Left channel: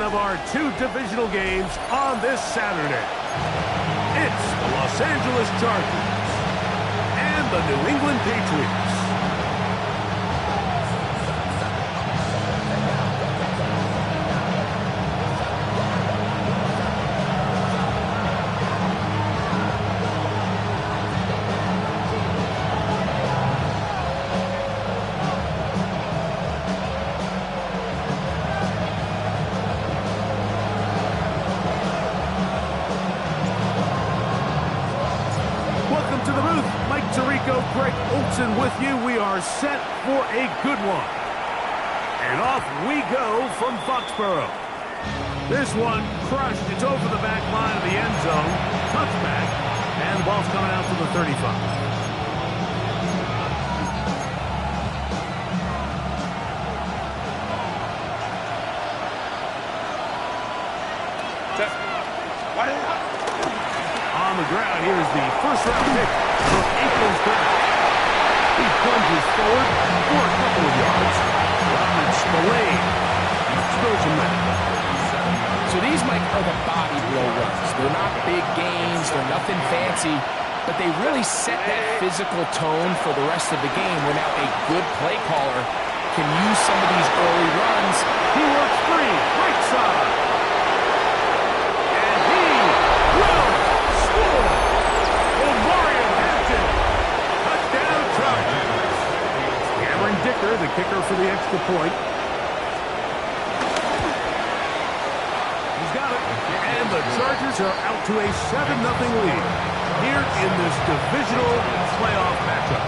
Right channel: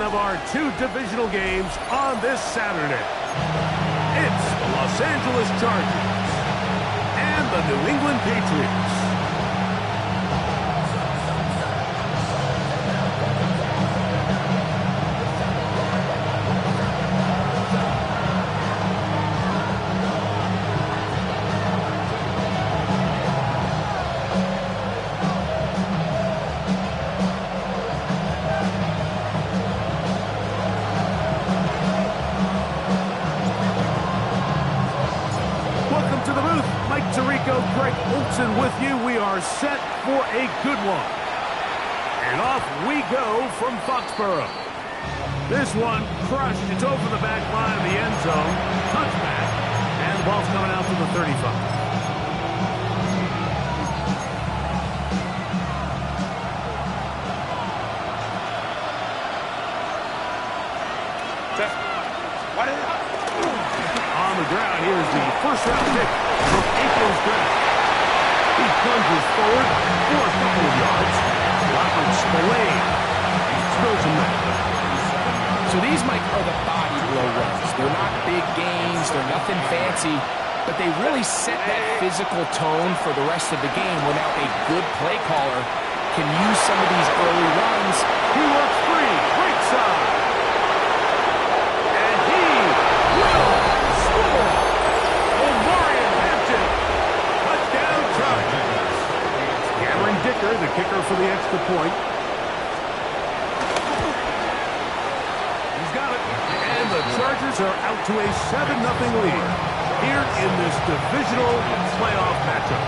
second of our two divisional games on this Saturday. It's the Los Angeles Chargers and the New England Patriots. To the booth, Mike Tirico, Greg Olson with you. We are set for a good one. And off we go from Foxborough. This one crushed. It's over the back line of the end zone. Touchback. And the ball's coming out to the 35. On the ground, here's the first-round pick from April's draft. He plunges forward for a couple of yards. Robert Spillane spills him back. So these, Mike, are the body blow runs. They're not big gains. They're nothing fancy. But they really set that physical tone for the rest of the game where now a good play caller can use some of these early runs. He works free. Right side. And he will score. Omarion Hampton. Touchdown Chargers. Cameron Dicker, the kicker for the extra point. He's got it. And the Chargers are out to a 7-0 lead here in this divisional playoff matchup.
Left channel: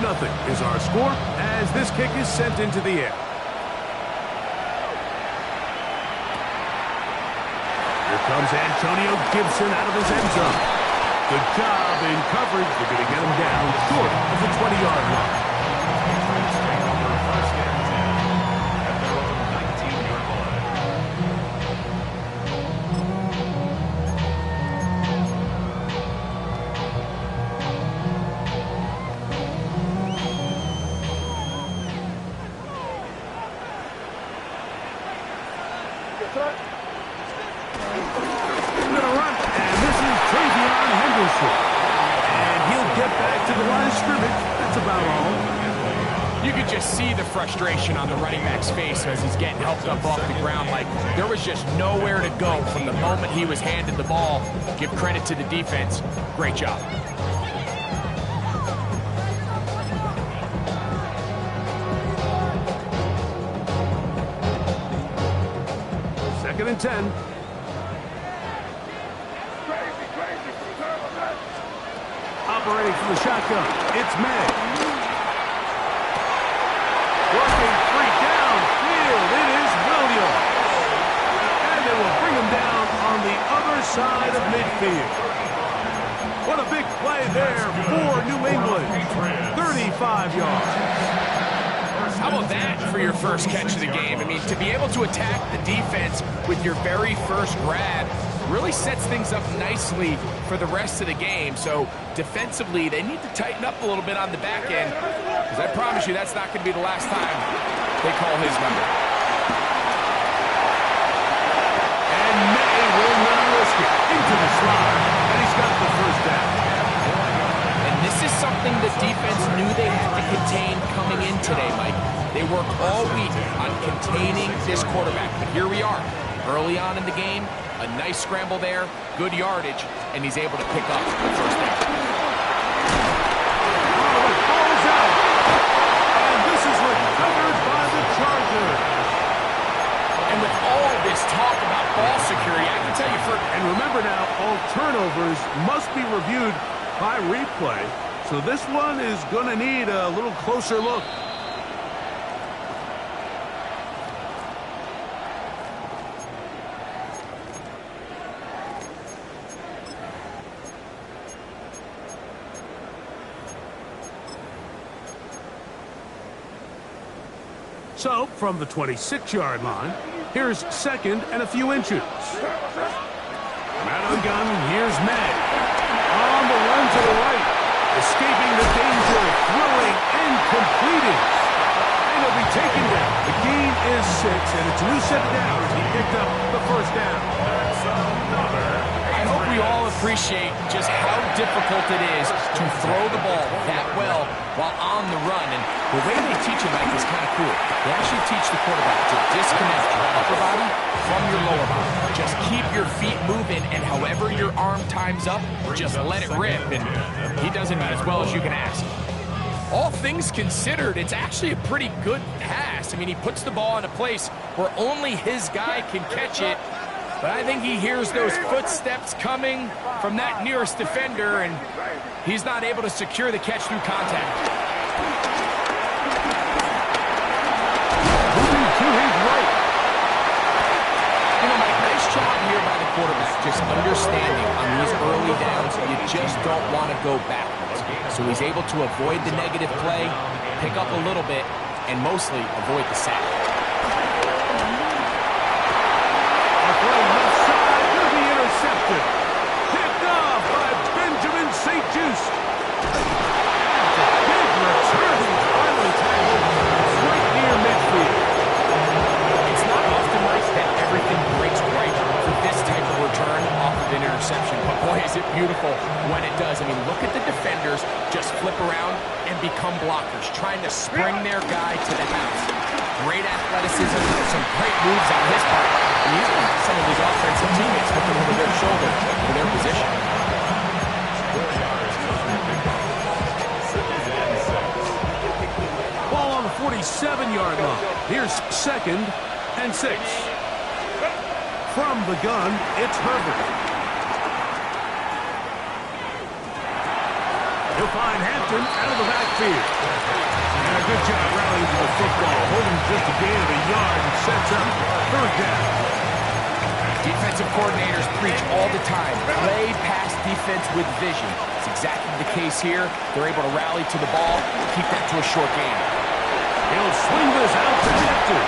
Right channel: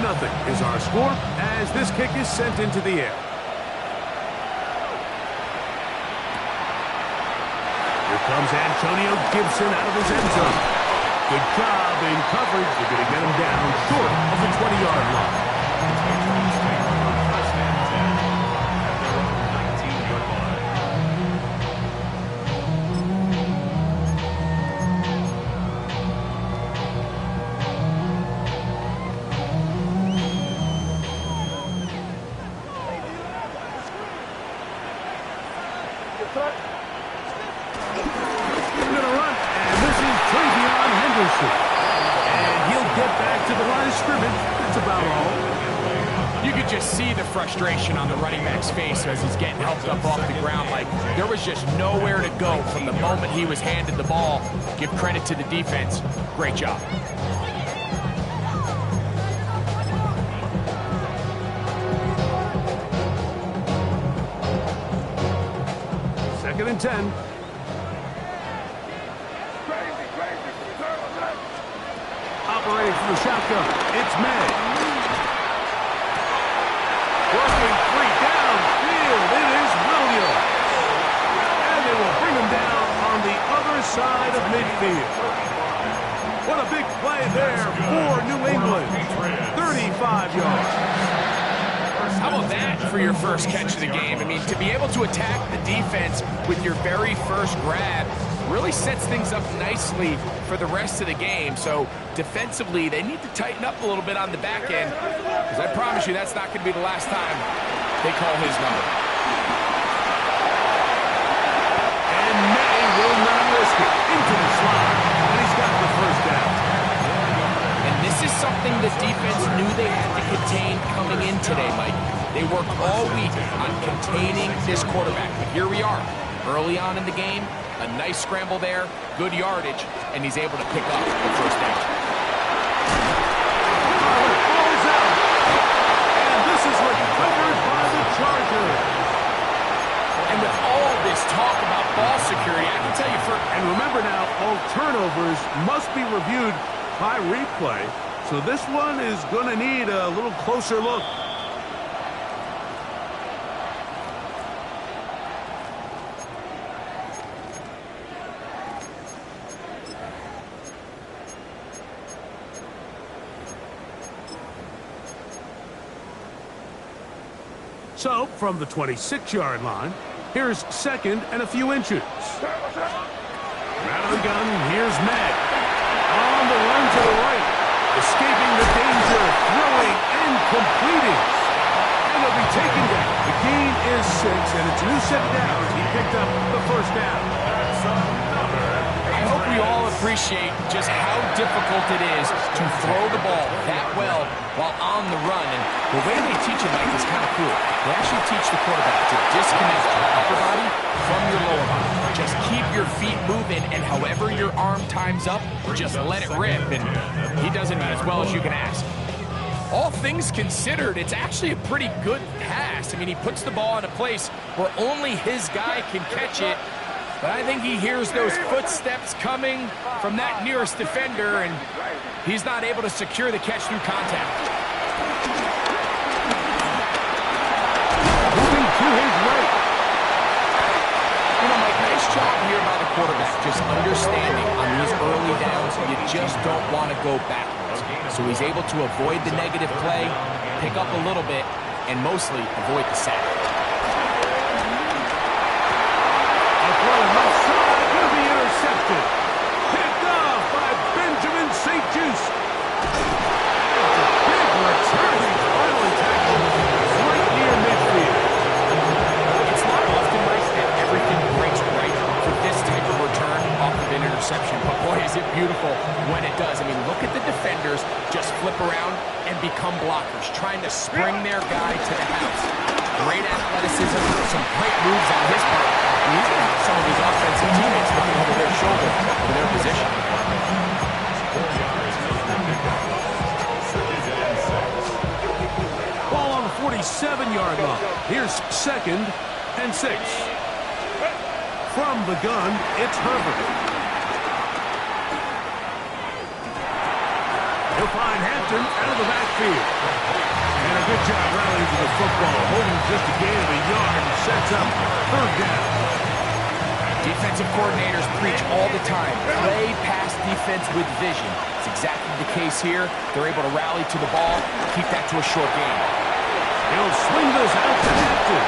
Nothing is our score as this kick is sent into the air. Here comes Antonio Gibson out of his end zone. Good job in coverage. They're going to get him down short of the 20-yard line. First and 10 at their own 19-yard line. And he'll get back to the line of scrimmage. That's about all. You could just see the frustration on the running back's face as he's getting helped up off the ground. Like, there was just nowhere to go from the moment he was handed the ball. Give credit to the defense. Great job. Second and 10. Operating from the shotgun, it's May. Working free downfield, it is Williams. And they will bring him down on the other side of midfield. What a big play there for New England. 35 yards. How about that for your first catch of the game? I mean, to be able to attack the defense with your very first grab really sets things up nicely for the rest of the game. So defensively, they need to tighten up a little bit on the back end, because I promise you that's not going to be the last time they call his number. And May will not risk it. Into the slot, and he's got the first down. And this is something the defense knew they had to contain coming in today, Mike. They worked all week on containing this quarterback. But here we are, early on in the game, a nice scramble there, good yardage, and he's able to pick up the first down. Oh, it falls out. And this is recovered by the Chargers. And with all this talk about ball security, I can tell you for... And remember now, all turnovers must be reviewed by replay. So this one is going to need a little closer look. So, from the 26-yard line, here's second and a few inches. Out of the gun, here's May. On the run to the right. Escaping the danger, throwing and completing. And he'll be taken down. The gain is 6, and it's a new set of downs. He picked up the first down. That's another. I hope we all appreciate just how difficult it is to throw the ball that well while on the run. And the way they teach it, Mike, is kind of cool. They actually teach the quarterback to disconnect your upper body from your lower body. Just keep your feet moving, and however your arm times up, just let it rip. And he does it about as well as you can ask. All things considered, it's actually a pretty good pass. I mean, he puts the ball in a place where only his guy can catch it. But I think he hears those footsteps coming from that nearest defender, and he's not able to secure the catch through contact. Moving to his right. You know, Mike, nice job here by the quarterback, just understanding on these early downs, you just don't want to go backwards. So he's able to avoid the negative play, pick up a little bit, and mostly avoid the sack. Throw left side, going to be intercepted. Picked off by Benjamin St. Juice. That's a big return. He's finally tackled right near midfield. It's not often, Mike, that everything breaks right for this type of return off of an interception. But boy, is it beautiful when it does. I mean, look at the defenders just flip around and become blockers, trying to spring their guy to the house. Great athleticism, some great moves on his part. And he's going to have some of his offensive teammates looking over their shoulder for their position. 4 yards on the pickup. 2nd and 6. Ball on the 47-yard line. Here's 2nd and 6. From the gun, it's Herbert. He'll find Hampton out of the backfield. And a good job rallying to the football, holding just a gain of a yard and sets up 3rd down. Defensive coordinators preach all the time, play pass defense with vision. It's exactly the case here. They're able to rally to the ball, keep that to a short gain. He'll swing this out to Hampton.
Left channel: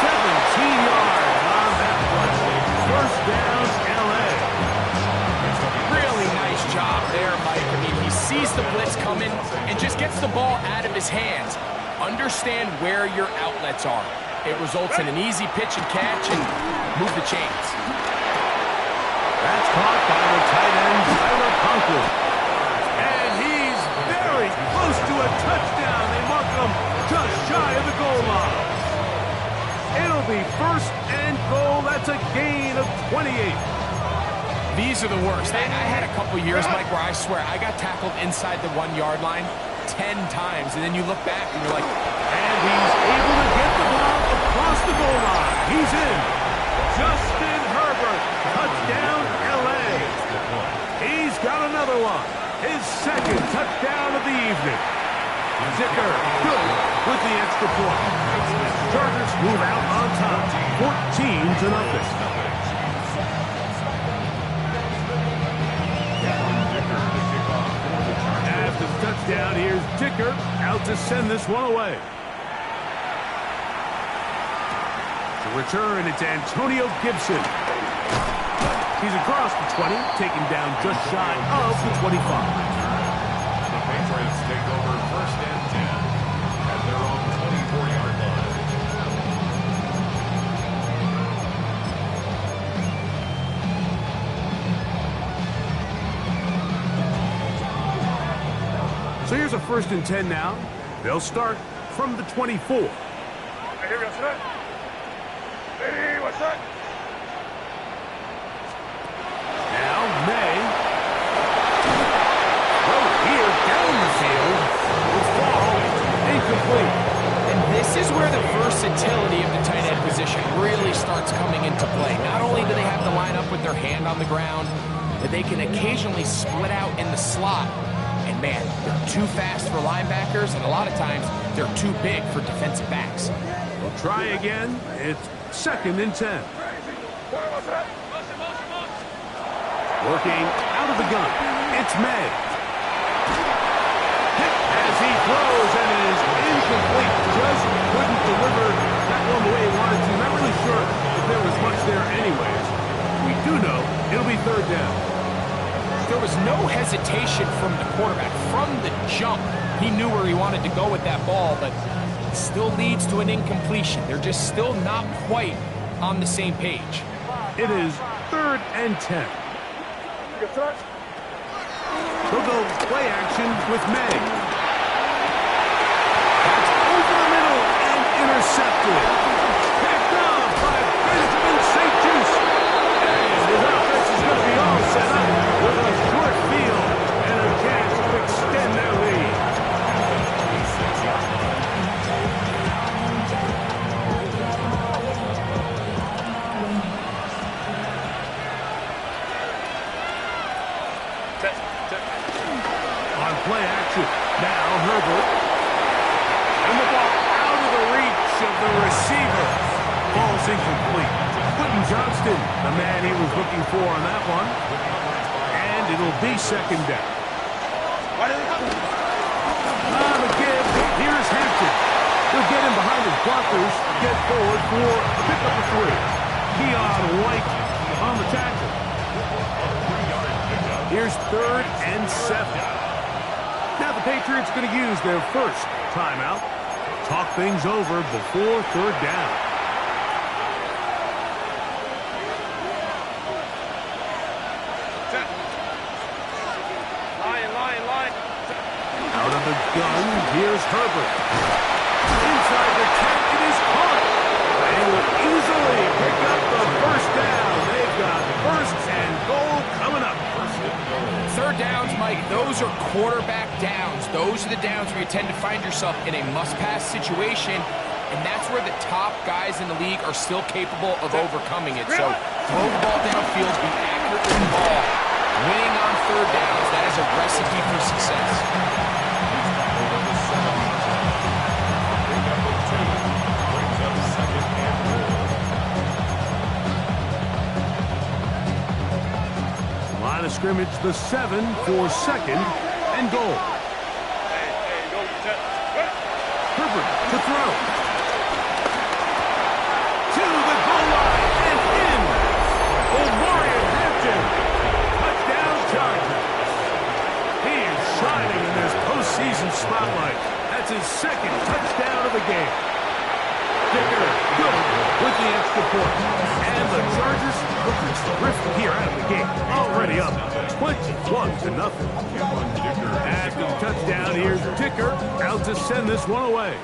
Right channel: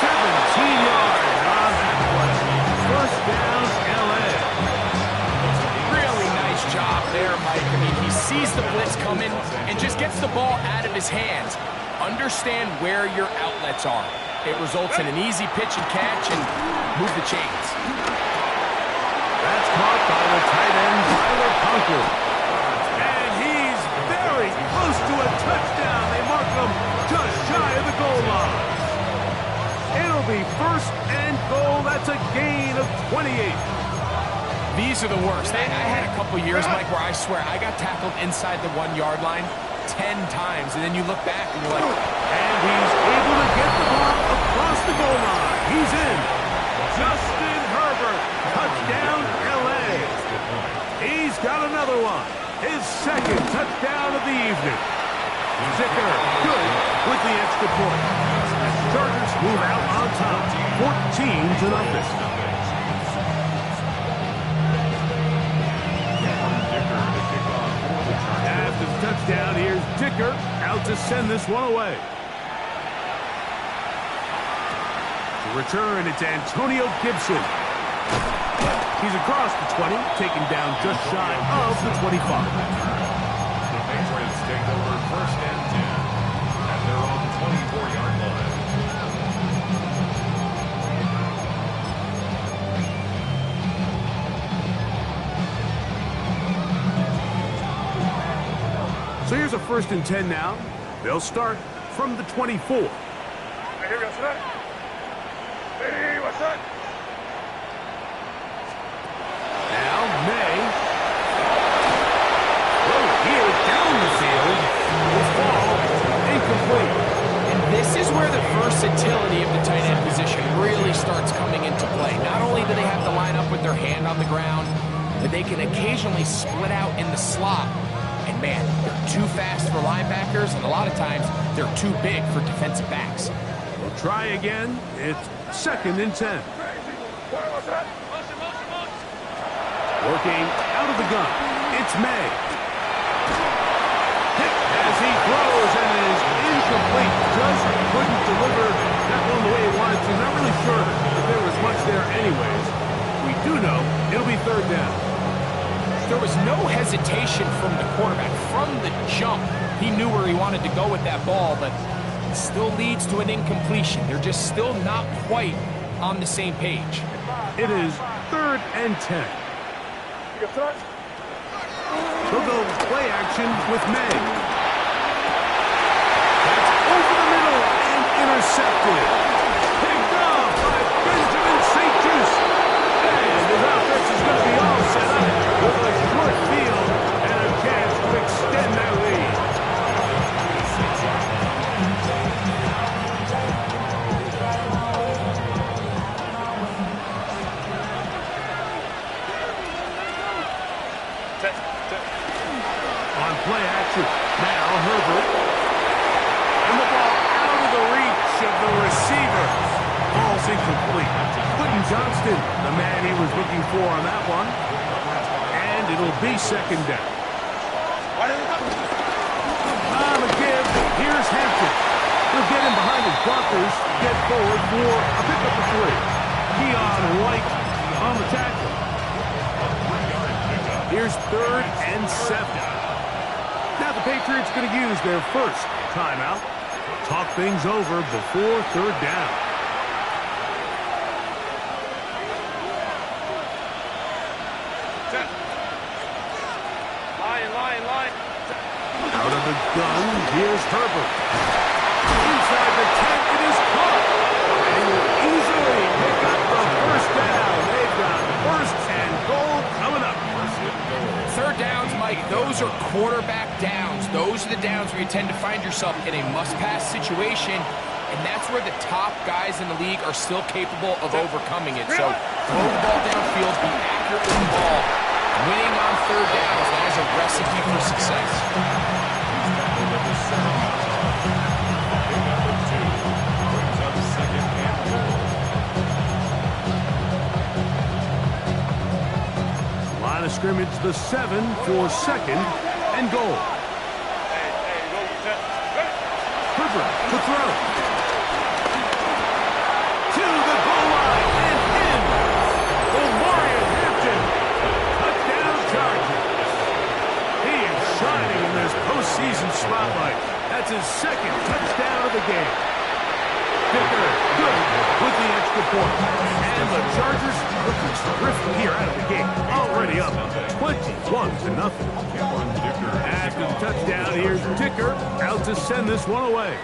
17 yards on that play. 1st down, L.A. Really nice job there, Mike. I mean, he sees the blitz coming and just gets the ball out of his hands. Understand where your outlets are. It results in an easy pitch and catch and move the chains. That's caught by the tight end, Tyler Conklin. And he's very close to a touchdown. They mark him just shy of the goal line. It'll be 1st and goal. That's a gain of 28. These are the worst. I had a couple years, Mike, where I swear I got tackled inside the 1-yard line 10 times, and then you look back and you're like... And he's able to get the ball across the goal line. He's in. Justin Herbert, touchdown, L.A. He's got another one. His 2nd touchdown of the evening. Zicker, good with the extra point. Chargers move out on top, 14-0. After the touchdown, here's Dicker out to send this one away. To return, it's Antonio Gibson. He's across the 20, taken down just shy of the 25. The Patriots take over 1st and 10 at their own 24-yard line. So here's a 1st and 10 now. They'll start from the 24. Now May. Throw here down the field. Will fall incomplete. And this is where the versatility of the tight end position really starts coming into play. Not only do they have to line up with their hand on the ground, but they can occasionally split out in the slot. And man, they're too fast for linebackers, and a lot of times they're too big for defensive backs. We'll try again. It's 2nd and 10. Working out of the gun. It's May. Hit as he throws, and it is incomplete. Just couldn't deliver that one the way he wanted to. Not really sure if there was much there anyways. we do know it'll be third down. There was no hesitation from the quarterback. From the jump, he knew where he wanted to go with that ball, but it still leads to an incompletion. They're just still not quite on the same page. It is 3rd and 10. They'll go play action with May. That's over the middle and intercepted. Picked off by Benjamin St. Just. And his offense is going to be all set up with a short field and a chance to extend their lead. On play action, now Herbert. And the ball out of the reach of the receiver. Ball's incomplete. Quentin Johnston, the man he was looking for on that one. And it'll be 2nd down. On the give, here's Hampton. He'll get him behind his blockers, get forward for a pickup of 3. Keon White on the tackle. Here's 3rd and 7. Now the Patriots going to use their first timeout. Talk things over before 3rd down. Line. Out of the gun, here's Herbert. Inside the 10, it is caught. And will easily pick up the 1st down. They've got 1st and goal coming up. 1st and goal. 3rd downs, Mike, those are quarterback downs. Those are the downs where you tend to find yourself in a must-pass situation, and that's where the top guys in the league are still capable of overcoming it. So throw the ball downfield, be accurate with the ball. Winning on 3rd downs, that is a recipe for success. He's tackled at the 7-yard line. Big up of 2. Brings up 2nd and goal. Line of scrimmage, the 7 for 2nd and goal. Herbert to throw. To the goal line and in. Omarion Hampton. Touchdown Chargers. He is shining in this postseason spotlight. That's his 2nd touchdown of the game. Dicker good with the extra point. And the Chargers looking terrific here out of the gate. Already up 21-0. After the touchdown, here's Dicker out to send this one away.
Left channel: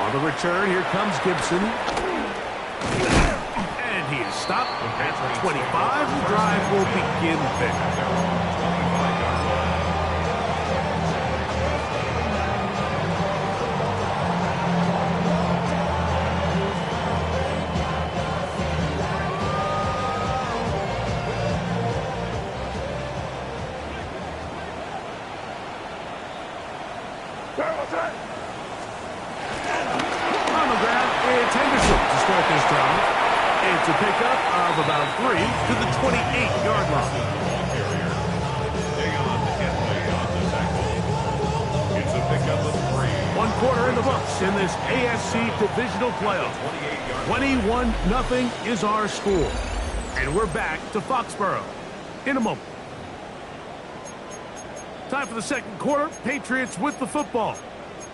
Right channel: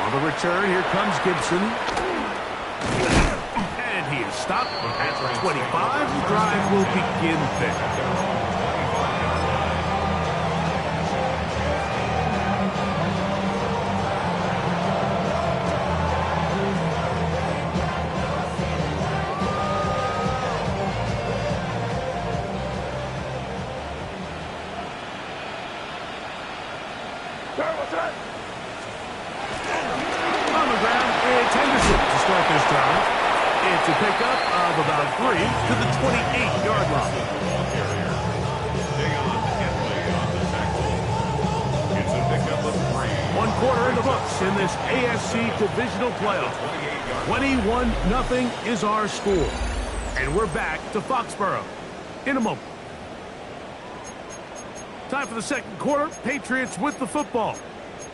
On the return, here comes Gibson. And he is stopped at 25. The drive will begin there. They're on 25-yard line. On the ground, it's Henderson to start this drive. It's a pickup of about 3 to the 28-yard line. The ball carrier. Dayon Henley on the tackle. It's a pickup of 3. 1 quarter in the books in this AFC divisional playoff. 21-0 is our score. And we're back to Foxborough in a moment. Time for the 2nd quarter. Patriots with the football.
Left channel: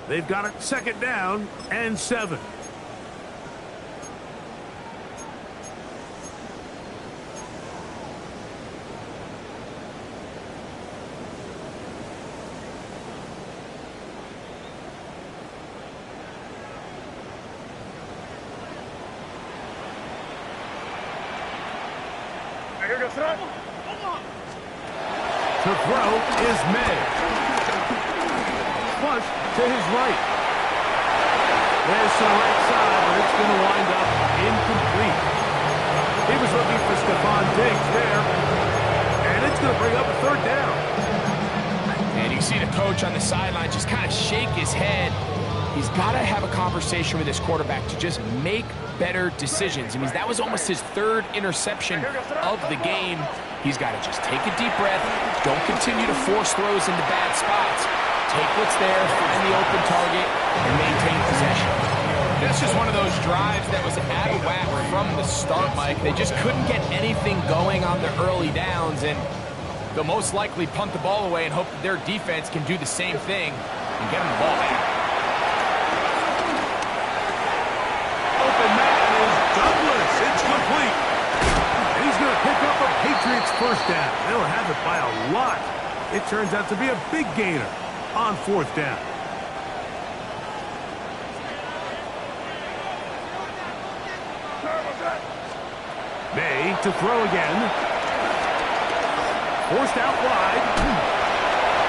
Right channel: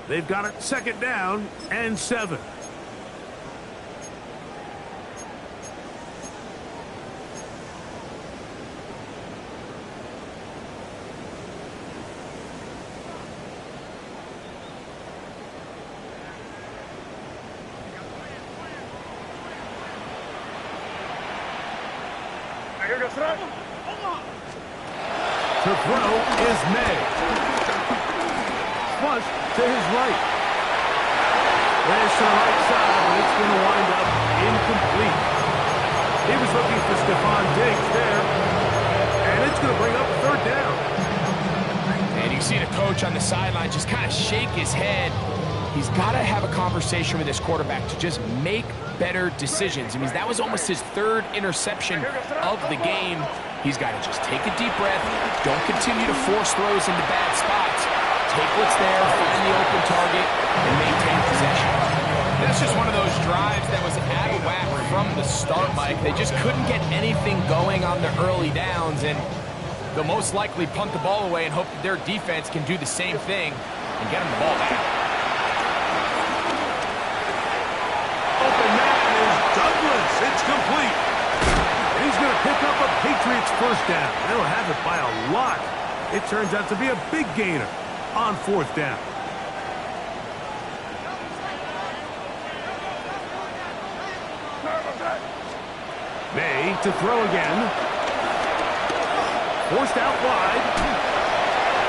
They've got it 2nd down and 7. To throw is May. Flush to his right. There's to the right side, but it's going to wind up incomplete. He was looking for Stephon Diggs there, and it's going to bring up a 3rd down. And you see the coach on the sideline just kind of shake his head. He's got to have a conversation with his quarterback to just make better decisions. I mean, that was almost his 3rd interception of the game. He's got to just take a deep breath. Don't continue to force throws into bad spots. Take what's there, find the open target, and maintain possession. That's just one of those drives that was out of whack from the start, Mike. They just couldn't get anything going on the early downs, and they'll most likely punt the ball away and hope that their defense can do the same thing and get them the ball back. Open man is Douglas. It's complete. And he's going to pick up a Patriots first down. They'll have it by a lot. It turns out to be a big gainer on fourth down. May to throw again. Forced out wide.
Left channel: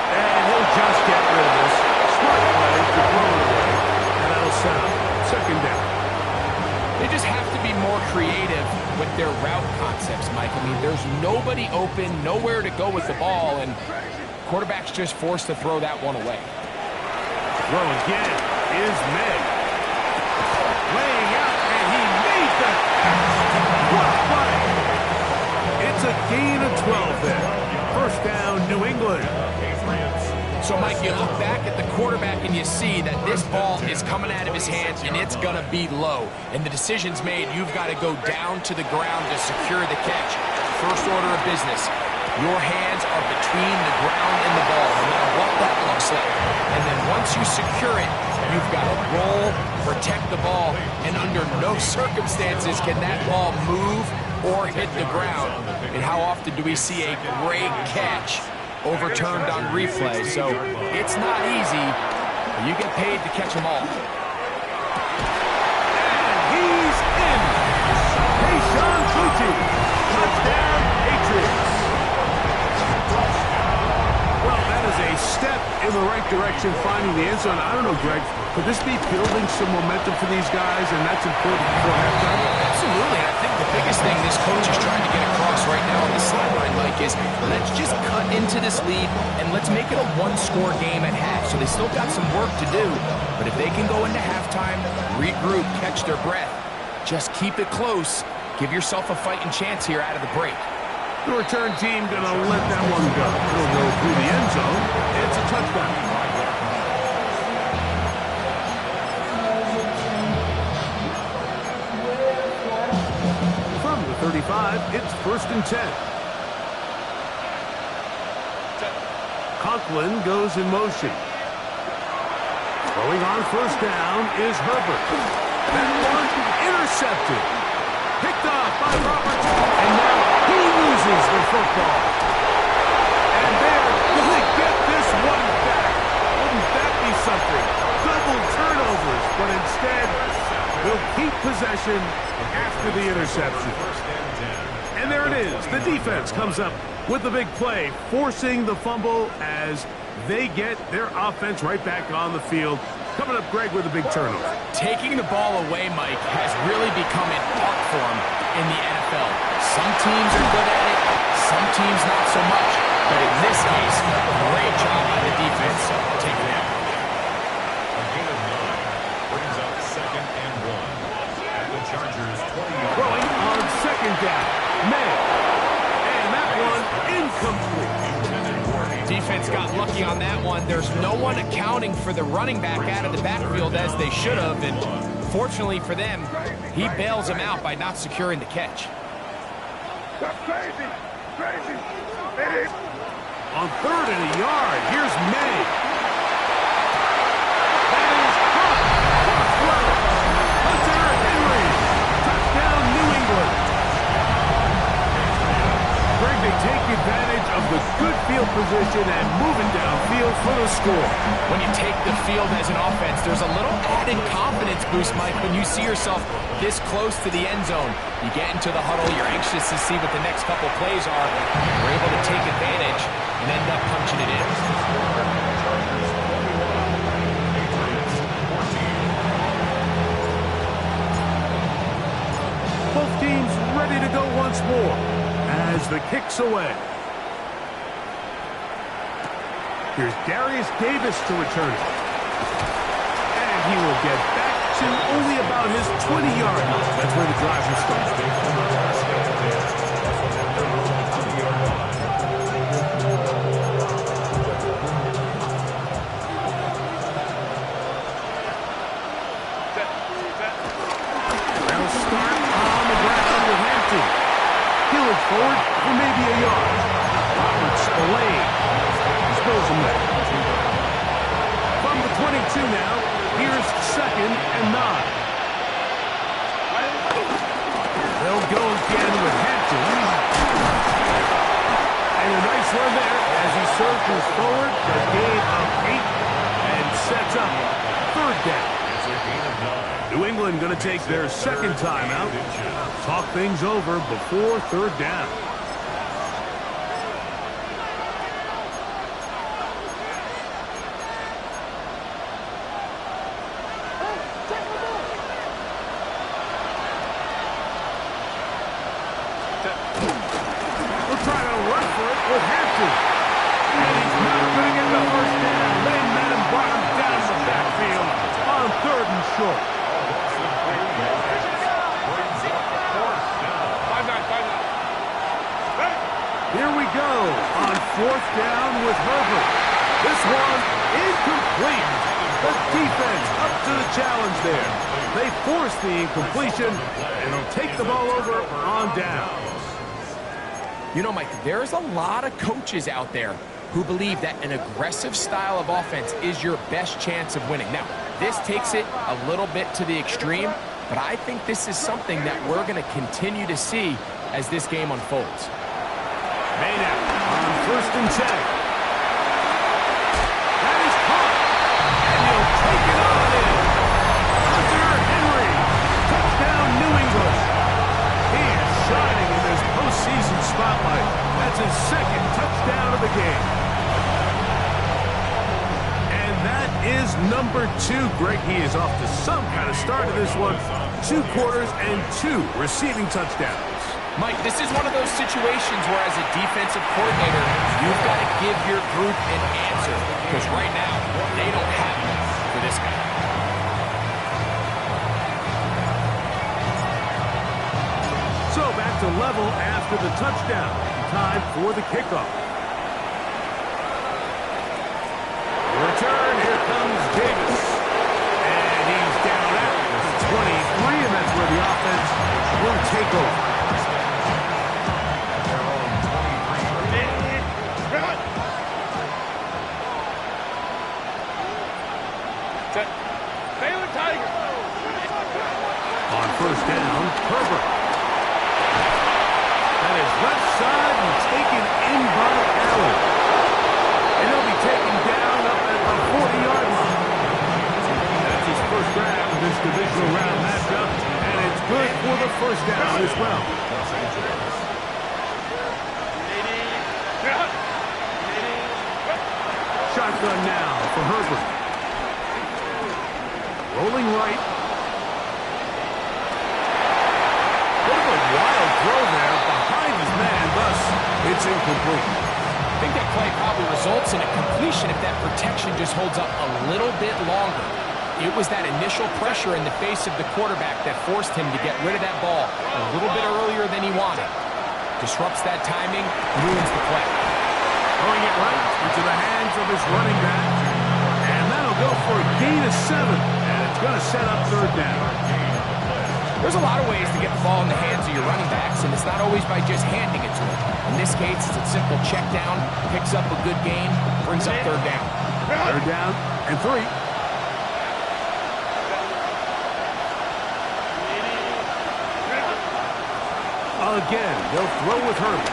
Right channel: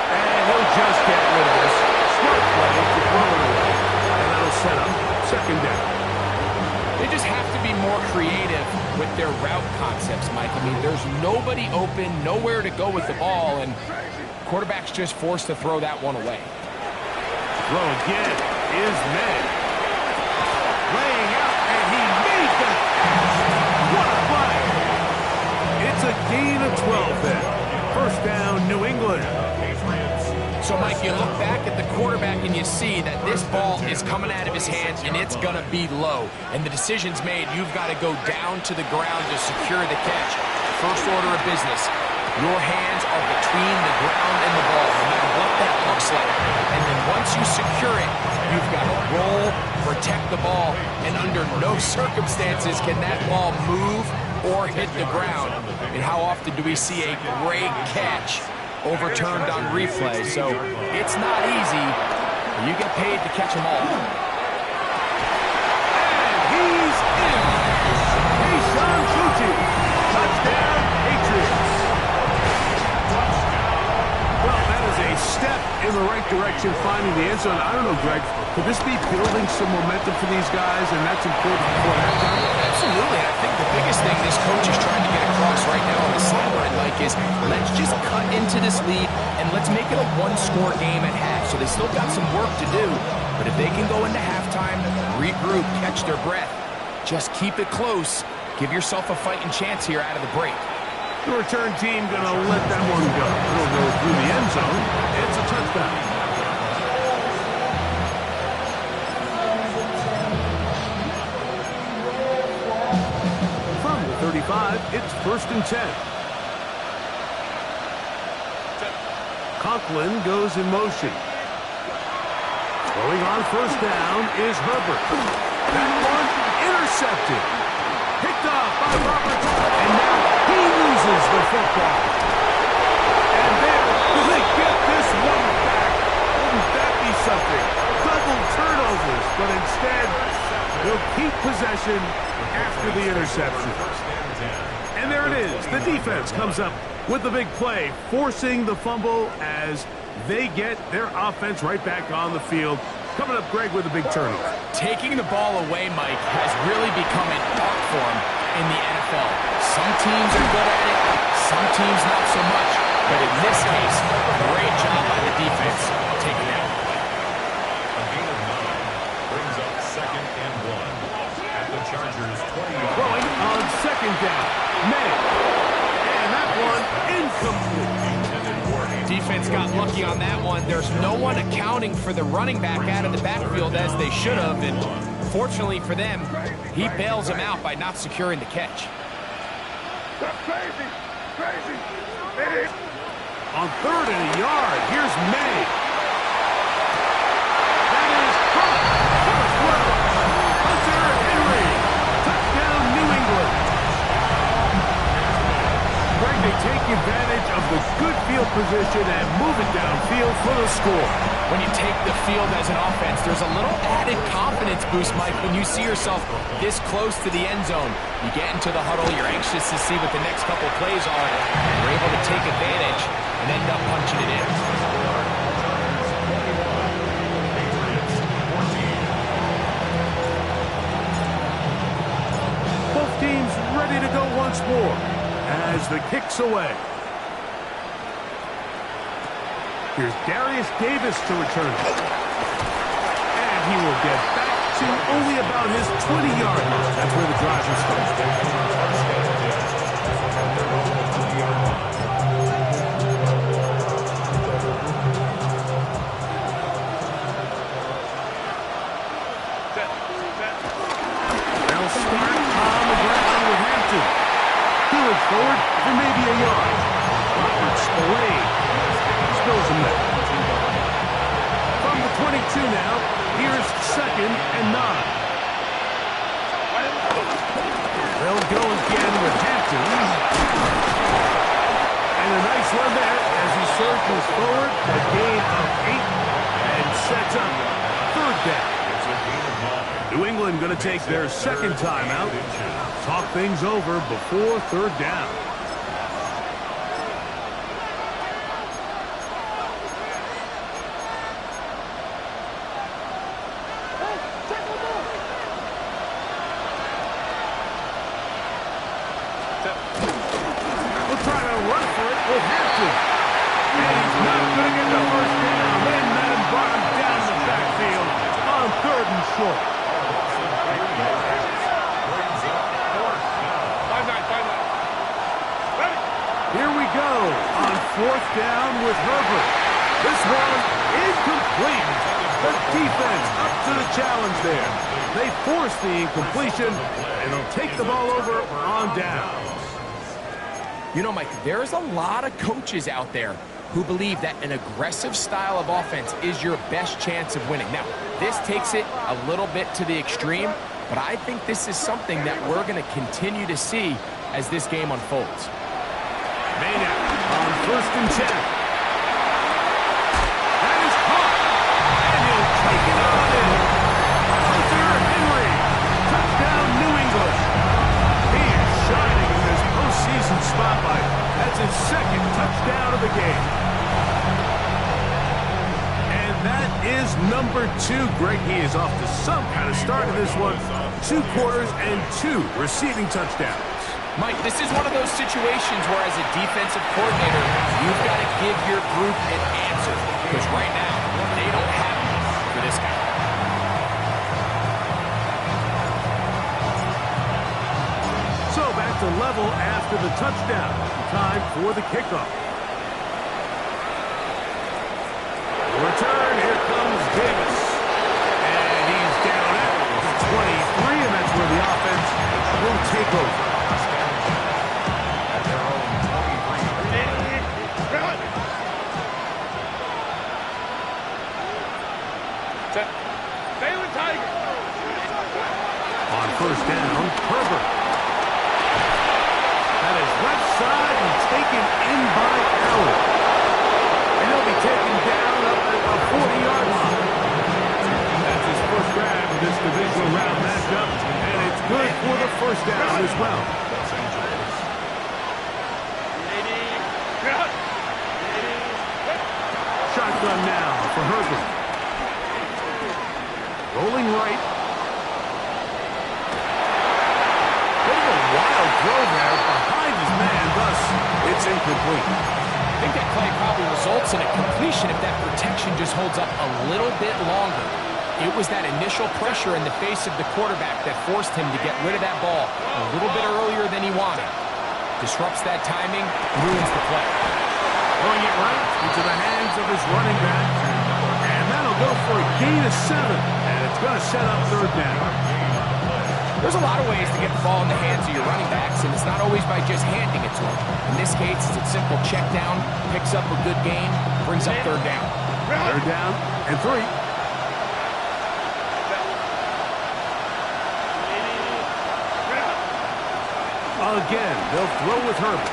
And he'll just get rid of this. Smart play to throw it away. And that'll set up second down. They just have to be more creative with their route concepts, Mike. I mean, there's nobody open, nowhere to go with the ball, and quarterback's just forced to throw that one away. Throw again is May. Laying out, and he made the catch. What a play. It's a gain of 12 then. First down, New England. So, Mike, you look back at the quarterback and you see that this ball is coming out of his hands and it's going to be low. And the decision's made. You've got to go down to the ground to secure the catch. First order of business. Your hands are between the ground and the ball, no matter what that looks like. And then once you secure it, you've got to roll, protect the ball, and under no circumstances can that ball move or hit the ground. And how often do we see a great catch overturned on replay? So it's not easy, but you get paid to catch them all. And he's in. Keyshawn Boutte. Touchdown, Patriots. Well, that is a step in the right direction, finding the end zone. I don't know, Greg, could this be building some momentum for these guys, and that's important before halftime? Absolutely, and I think the biggest thing this coach is trying to get across right now on the sideline, Mike, is let's just cut into this lead, and let's make it a one-score game at half. So they still got some work to do, but if they can go into halftime, regroup, catch their breath, just keep it close, give yourself a fighting chance here out of the break. The return team going to let that one go. It'll go through the end zone. It's a touchdown. From the 35, it's 1st and 10. Conklin goes in motion. Throwing on first down is Herbert. That one intercepted. Picked off by Roberts, and now he loses the football. And there, do they get this one back? Wouldn't that be something? Double turnovers, but instead, they'll keep possession after the interception. And there it is. The defense comes up with the big play, forcing the fumble as they get their offense right back on the field. Coming up, Greg, with a big turnover. Taking the ball away, Mike, has really become an art form in the NFL. Some teams are good at it, some teams not so much. But in this case, great job by the defense taking that one. A gain of 9 brings up 2nd and 1 at the Chargers' 20-yard Throwing on second down. May. And that one incomplete. Defense got lucky on that one. There's no one accounting for the running back out of the backfield as they should have, and fortunately for them, he bails him out by not securing the catch. That's crazy! On 3rd and a yard, here's May. That is caught. What a throw. Hunter Henry. Touchdown, New England. Greg, they take advantage of the good field position and move it downfield for the score. When you take the field as an offense, there's a little added confidence boost, Mike, when you see yourself this close to the end zone. You get into the huddle, you're anxious to see what the next couple plays are. You're able to take advantage and end up punching it in. Both teams ready to go once more as the kick's away. Here's Darius Davis to return it. And he will get back to only about his 20-yard line. That's where the drive will start. moves forward for maybe a yard. Robert Spillane spills him there. From the 22 now, here's 2nd and 9. They'll go again with Hampton. And a nice run there as he surges forward. A gain of 8 and sets up 3rd down. It's a gain of 9. New England going to take their 2nd timeout. Talk things over before 3rd down. We'll try to run for it with Hampton. And he's not going to get the 1st down. They met him, brought him down the backfield on 3rd and short. 5-9. Here we go on 4th down with Herbert. This one incomplete. The defense up to the challenge there. They force the incompletion, and they'll take the ball over on down. You know, Mike, there's a lot of coaches out there who believe that an aggressive style of offense is your best chance of winning. Now, this takes it a little bit to the extreme, but I think this is something that we're going to continue to see as this game unfolds. Maynard on 1st and 10. That is caught, and he'll take it on in. Hunter Henry, touchdown New England. He is shining in this postseason spotlight. That's his 2nd touchdown of the game. And that is number 2. Greg, he is off to some kind of start of this one. 2 quarters and 2 receiving touchdowns. Mike, this is one of those situations where as a defensive coordinator, you've got to give your group an answer. Because right now, they don't have one for this guy. So back to level after the touchdown. Time for the kickoff. Return, here comes Davis. And he's down at the 23, and that's where the offense will take over. At their own 23. On 1st down, Herbert. That is left side and taken in by Allen. And he'll be taken down up at the 40-yard line. That's his first grab of this divisional round matchup, and it's good for the 1st down as well. Los Angeles. Shotgun now for Herbert. Rolling right. Bit of a wild throw there behind his man, thus it's incomplete. I think that play probably results in a completion if that protection just holds up a little bit longer. It was that initial pressure in the face of the quarterback that forced him to get rid of that ball a little bit earlier than he wanted. Disrupts that timing, ruins the play. Throwing it right into the hands of his running back. And that'll go for a gain of 7. And it's going to set up 3rd down. There's a lot of ways to get the ball in the hands of your running backs, and it's not always by just handing it to them. In this case, it's a simple check down, picks up a good gain, brings up 3rd down. 3rd down and 3. Again, they'll throw with Herbert.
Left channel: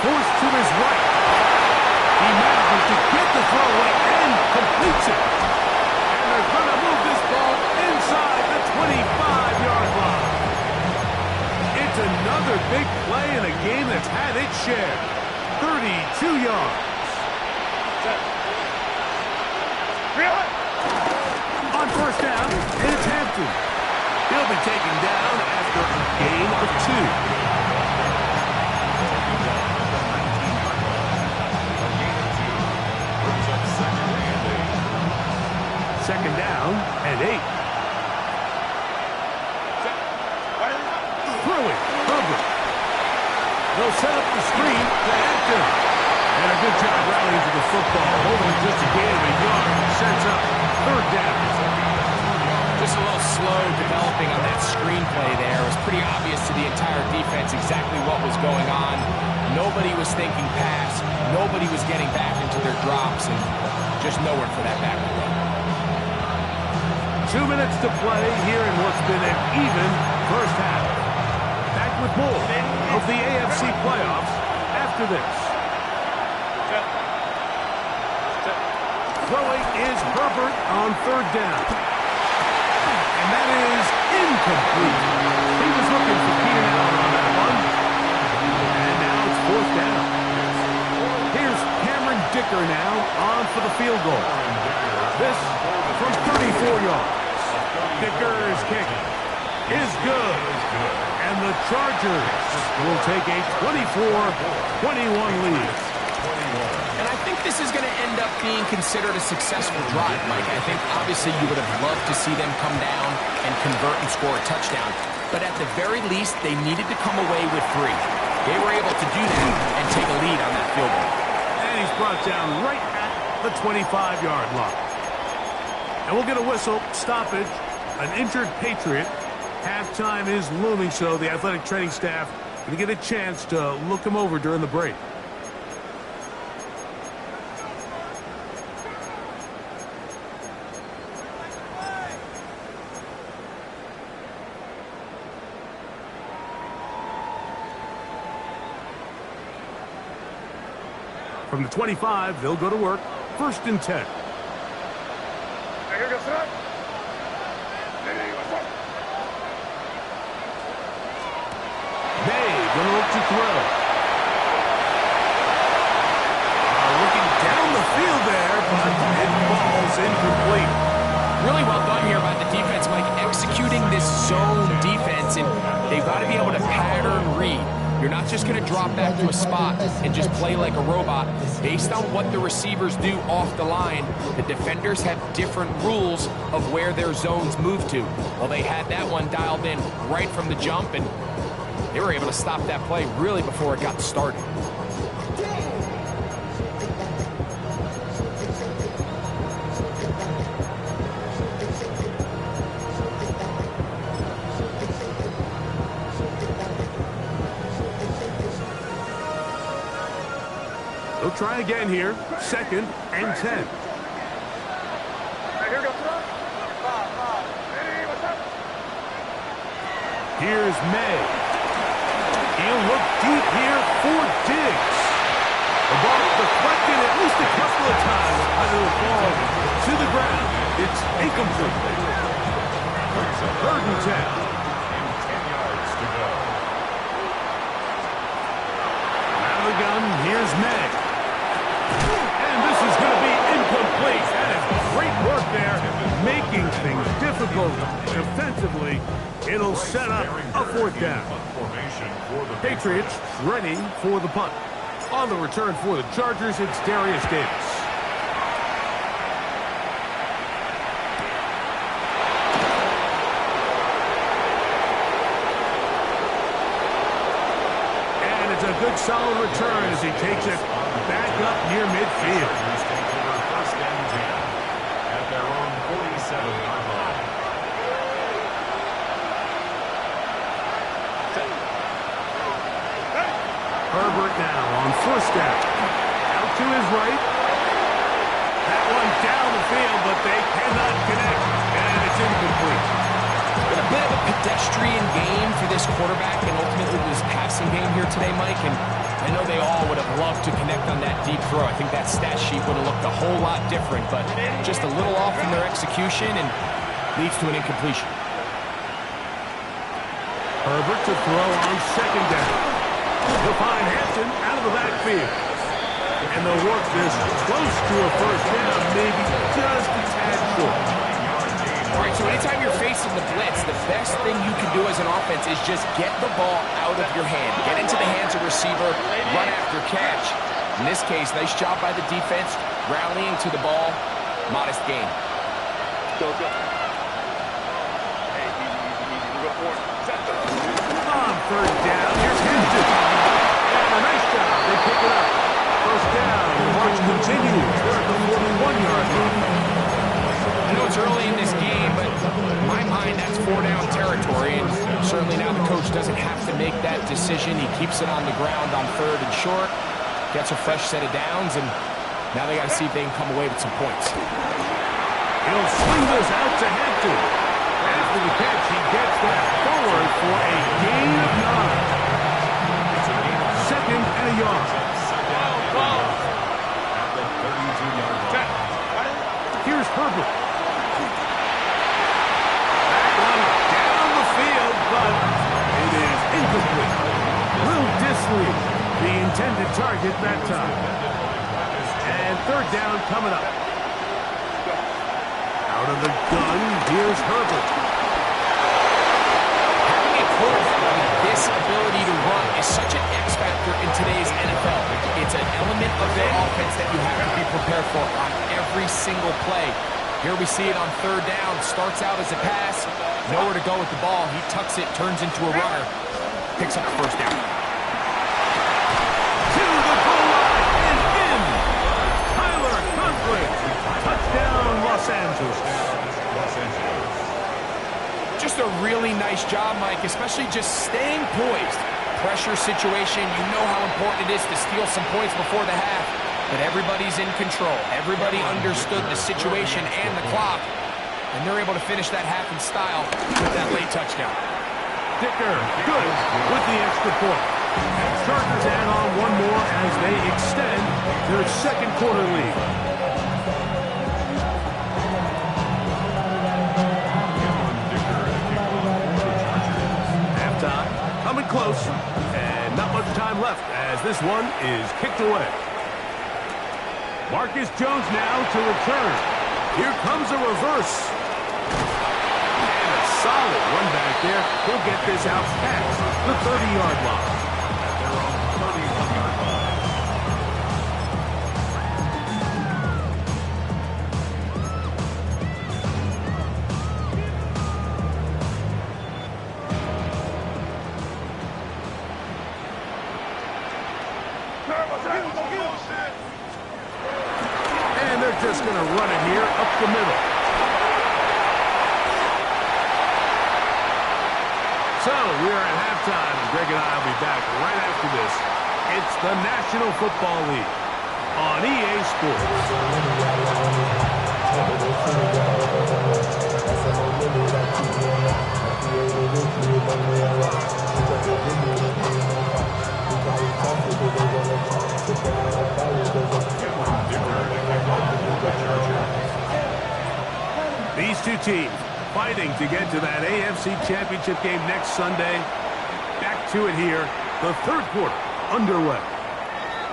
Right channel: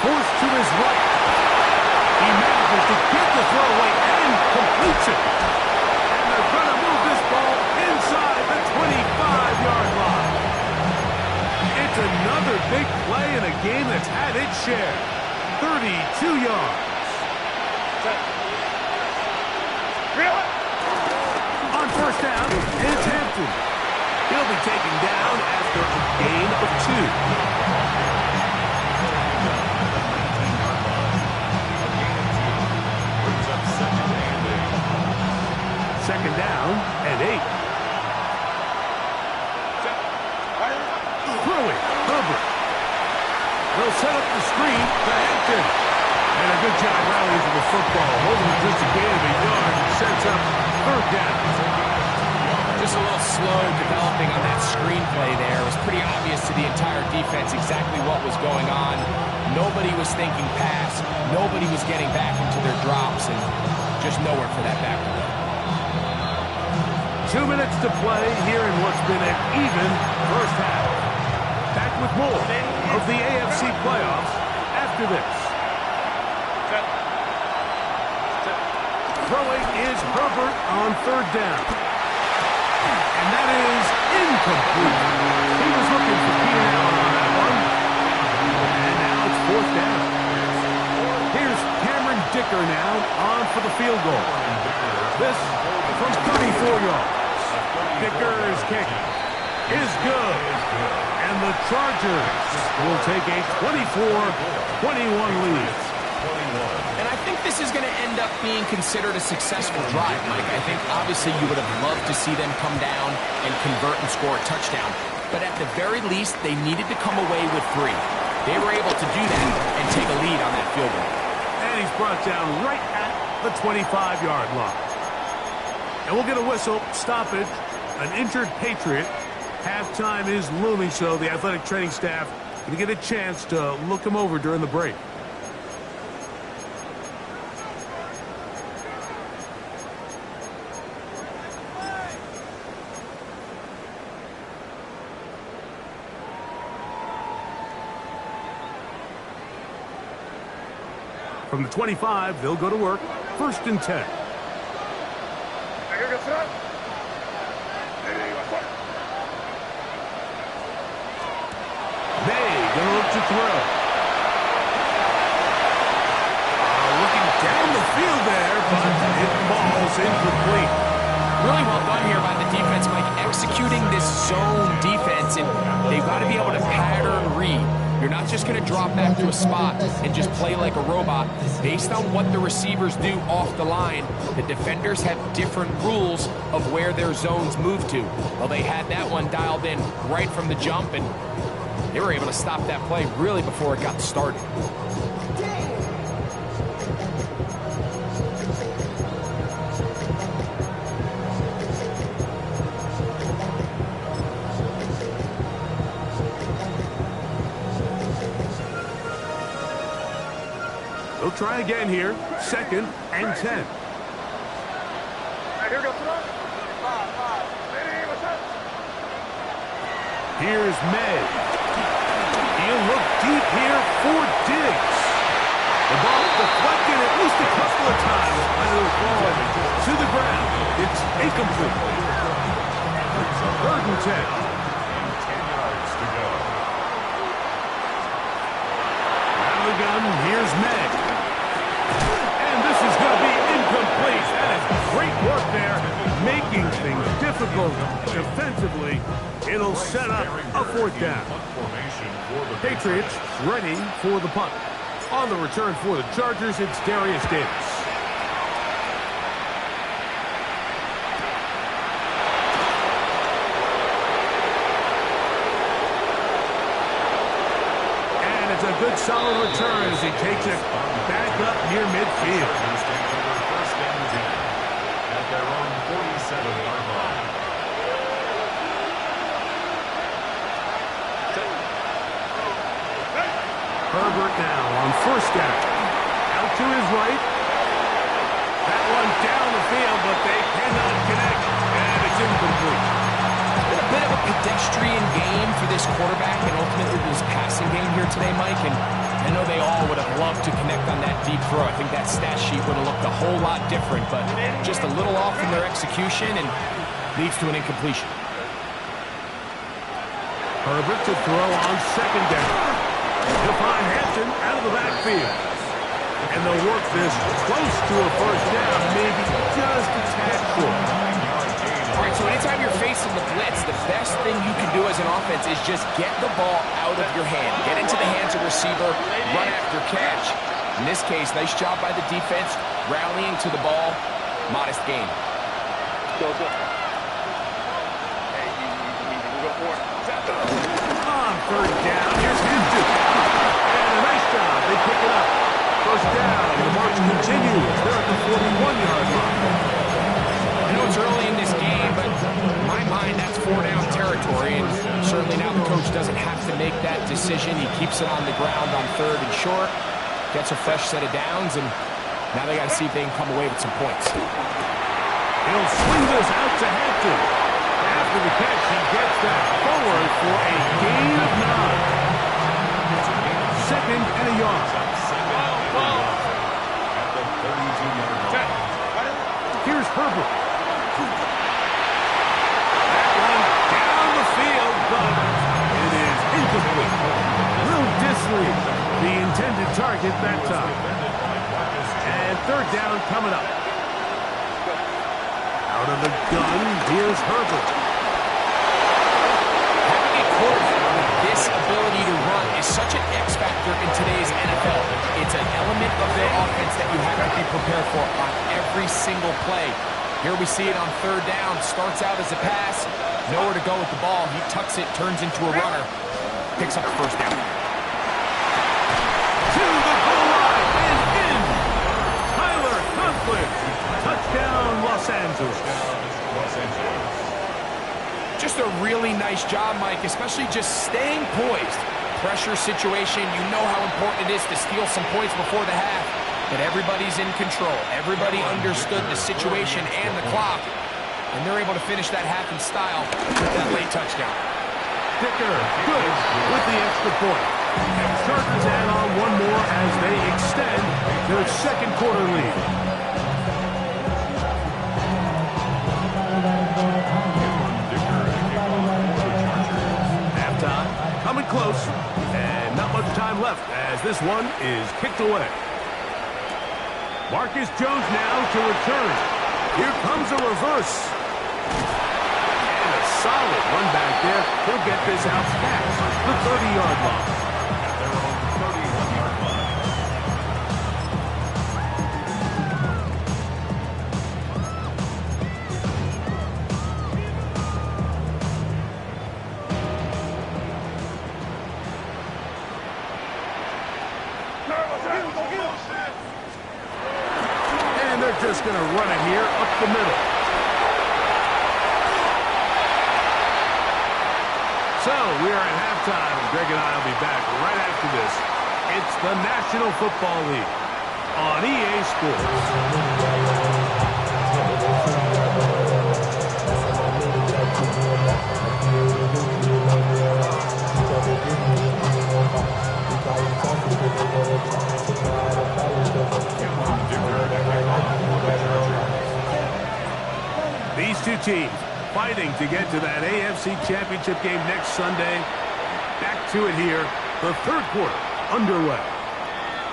Forced to his right. He manages to get the throw away and completes it. And they're going to move this ball inside the 25-yard line. It's another big play in a game that's had its share. 32 yards. On 1st down, it's Hampton. He'll be taken down after a gain of 2. Second down and 8. Throwing, Herbert. They'll set up the screen to Hampton. And a good job rallying to the football. Holding just a gain of a yard and sets up 3rd down. Just a little slow developing on that screenplay there. It was pretty obvious to the entire defense exactly what was going on. Nobody was thinking pass. Nobody was getting back into their drops, and just nowhere for that back to go. 2 minutes to play here in what's been an even first half. Back with more of the AFC playoffs after this. Throwing is Herbert on third down. And that is incomplete. He was looking for Keenan Allen on that one. And now it's fourth down. Here's Cameron Dicker now on for the field goal. This from 34 yards. Dicker's kick is good. And the Chargers will take a 24-21 lead. And I think this is going to end up being considered a successful drive, Mike. I think obviously you would have loved to see them come down and convert and score a touchdown. But at the very least, they needed to come away with 3. They were able to do that and take a lead on that field goal. And he's brought down right at the 25-yard line. And we'll get a whistle, stoppage, an injured Patriot. Halftime is looming, so the athletic training staff going to get a chance to look him over during the break. From the 25, they'll go to work. 1st and 10. May gonna look to throw. Looking down the field there, but it falls incomplete. Really well done here by the defense, Mike, executing this zone defense, and they've got to be able to pattern read. You're not just going to drop back to a spot and just play like a robot. Based on what the receivers do off the line, the defenders have different rules of where their zones move to. Well, they had that one dialed in right from the jump, and they were able to stop that play really before it got started. They'll try again here. 2nd and 10. Here's May. He'll look deep here for Diggs. The ball deflected at least a couple of times, but it'll fall to the ground. It's incomplete. 3rd and 10. And 10 yards to go. Out of the gun, here's May. And this is going to be incomplete. That is great work there, making things difficult defensively. It'll set up a 4th down. Patriots ready for the punt. On the return for the Chargers, it's Darius Davis. And it's a good solid return as he takes it back up near midfield. Chargers take over 1st and 10 at their own 47-yard line. Herbert now on 1st down. Out to his right. That one down the field, but they cannot connect, and it's incomplete. It's been a bit of a pedestrian game for this quarterback and ultimately this passing game here today, Mike, and I know they all would have loved to connect on that deep throw. I think that stat sheet would have looked a whole lot different, but just a little off in their execution and leads to an incompletion. Herbert to throw on 2nd down. He'll find Hampton out of the backfield. And they'll work this close to a 1st down, maybe just a tad short. All right, so anytime you're facing the blitz, the best thing you can do as an offense is just get the ball out of your hand. Get into the hands of receiver, run after catch. In this case, nice job by the defense, rallying to the ball. Modest gain. Go. Hey, easy. We'll go for it. On 3rd down, here's Hampton. And a nice job. They pick it up. 1st down. The march continues. They're at the 41-yard line. I know it's early in this game, but in my mind, that's 4-down territory, and certainly now the coach doesn't have to make that decision. He keeps it on the ground on 3rd and short, gets a fresh set of downs, and now they got to see if they can come away with some points. He'll swing this out to Hampton. After the catch, he gets that forward for a gain of 9. Second and a yard. At the 32-yard line. Here's Herbert. That one down the field, but it is incomplete. Will Disley, the intended target that time. And 3rd down coming up. Out of the gun, here's Herbert. Having a quarterback with this ability to run is such an X factor in today's NFL. It's an element of their offense that you have to be prepared for on every single play. Here we see it on 3rd down. Starts out as a pass. Nowhere to go with the ball. He tucks it, turns into a runner. Picks up the 1st down. To the goal line and in. Tyler Conklin. Touchdown, Los Angeles. Just a really nice job, Mike, especially just staying poised. Pressure situation, you know how important it is to steal some points before the half. But everybody's in control. Everybody understood the situation and the clock. And they're able to finish that half in style with that late touchdown. Dicker, good with the extra point. And Chargers add on one more as they extend their 2nd quarter lead. Halftime, coming close, and not much time left as this one is kicked away. Marcus Jones now to return. Here comes a reverse. And a solid run back there. He'll get this out past the 30-yard line. At their own 31-yard line. And they're just going to run it here up the middle. So we are at halftime, and Greg and I will be back right after this. It's the National Football League on EA Sports. These two teams fighting to get to that AFC Championship game next Sunday. Back to it here, the 3rd quarter underway.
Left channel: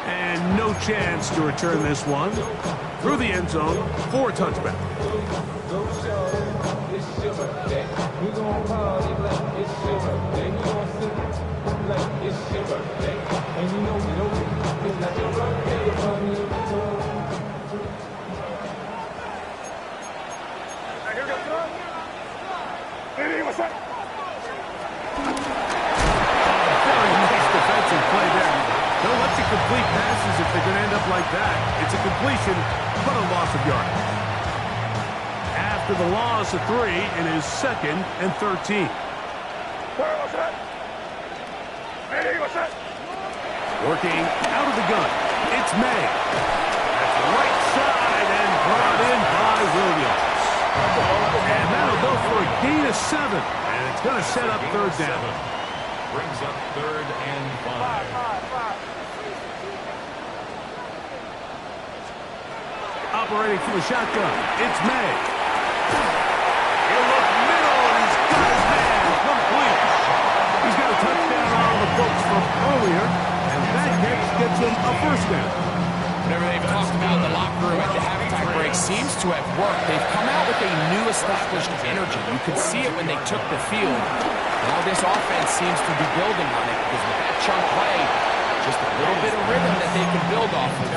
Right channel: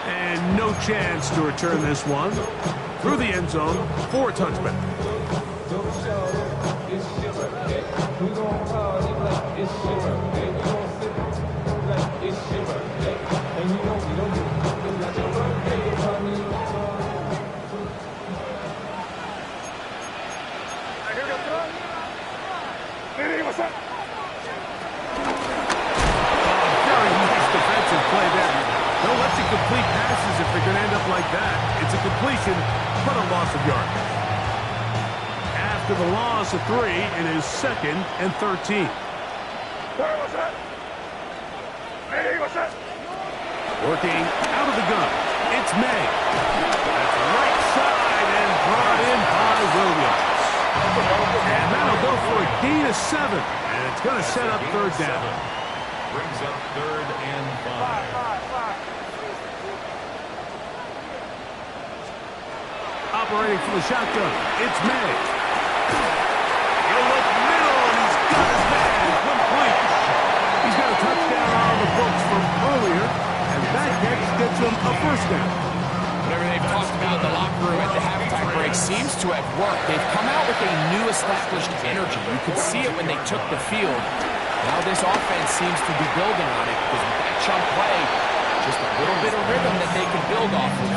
And no chance to return this one through the end zone for a touchback. Very nice defensive play there. Don't let you complete passes if they're going to end up like that. It's a completion, but a loss of yardage. After the loss of 3, it is 2nd and 13. Working out of the gun, it's May. That's right side and brought in by Williams. And that'll go for a gain of 7. And it's going to set up 3rd down. Brings up 3rd and 5. Operating from the shotgun, it's May. He'll look middle, and he's got his man complete. He's got a touchdown on the books from earlier, and that gets him a 1st down. Whatever they've talked about in the locker room at the halftime break seems to have worked. They've come out with a new established energy. You could see it when they took the field. Now this offense seems to be building on it because with that chunk play, just a little bit of rhythm that they can build off of.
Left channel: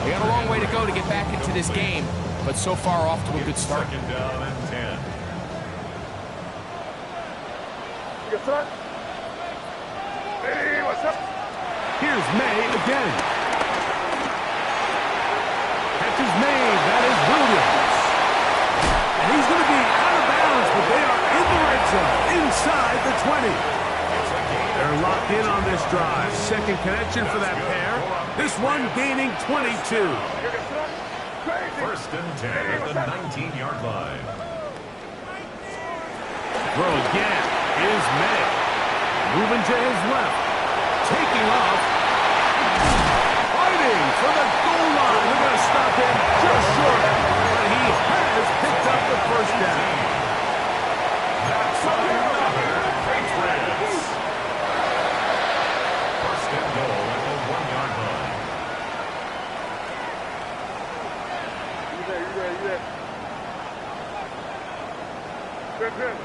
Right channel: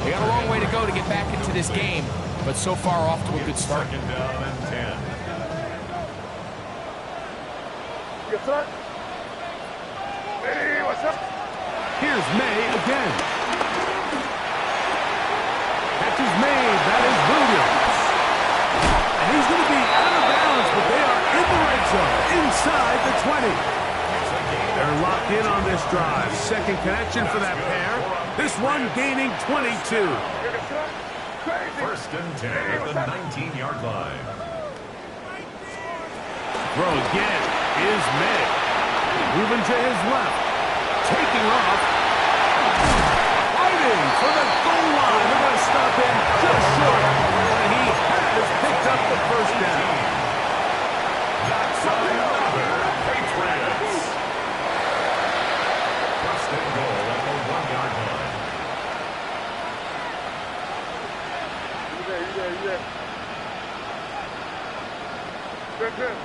They got a long way to go to get back into this game, but so far off to a good start. 2nd down and 10. Here's May again. Catch is made. That is Williams. He's going to be out of bounds, but they are in the red zone, inside the 20. They're locked in on this drive. Second connection for that pair. This one gaining 22. First and 10 at the 19-yard line. Throw again is May. Moving to his left. Taking off. Fighting for the goal line. They're going to stop him just short. But he has picked up the first down. That's another Patriots. First and goal at the 1-yard line. You there. Good.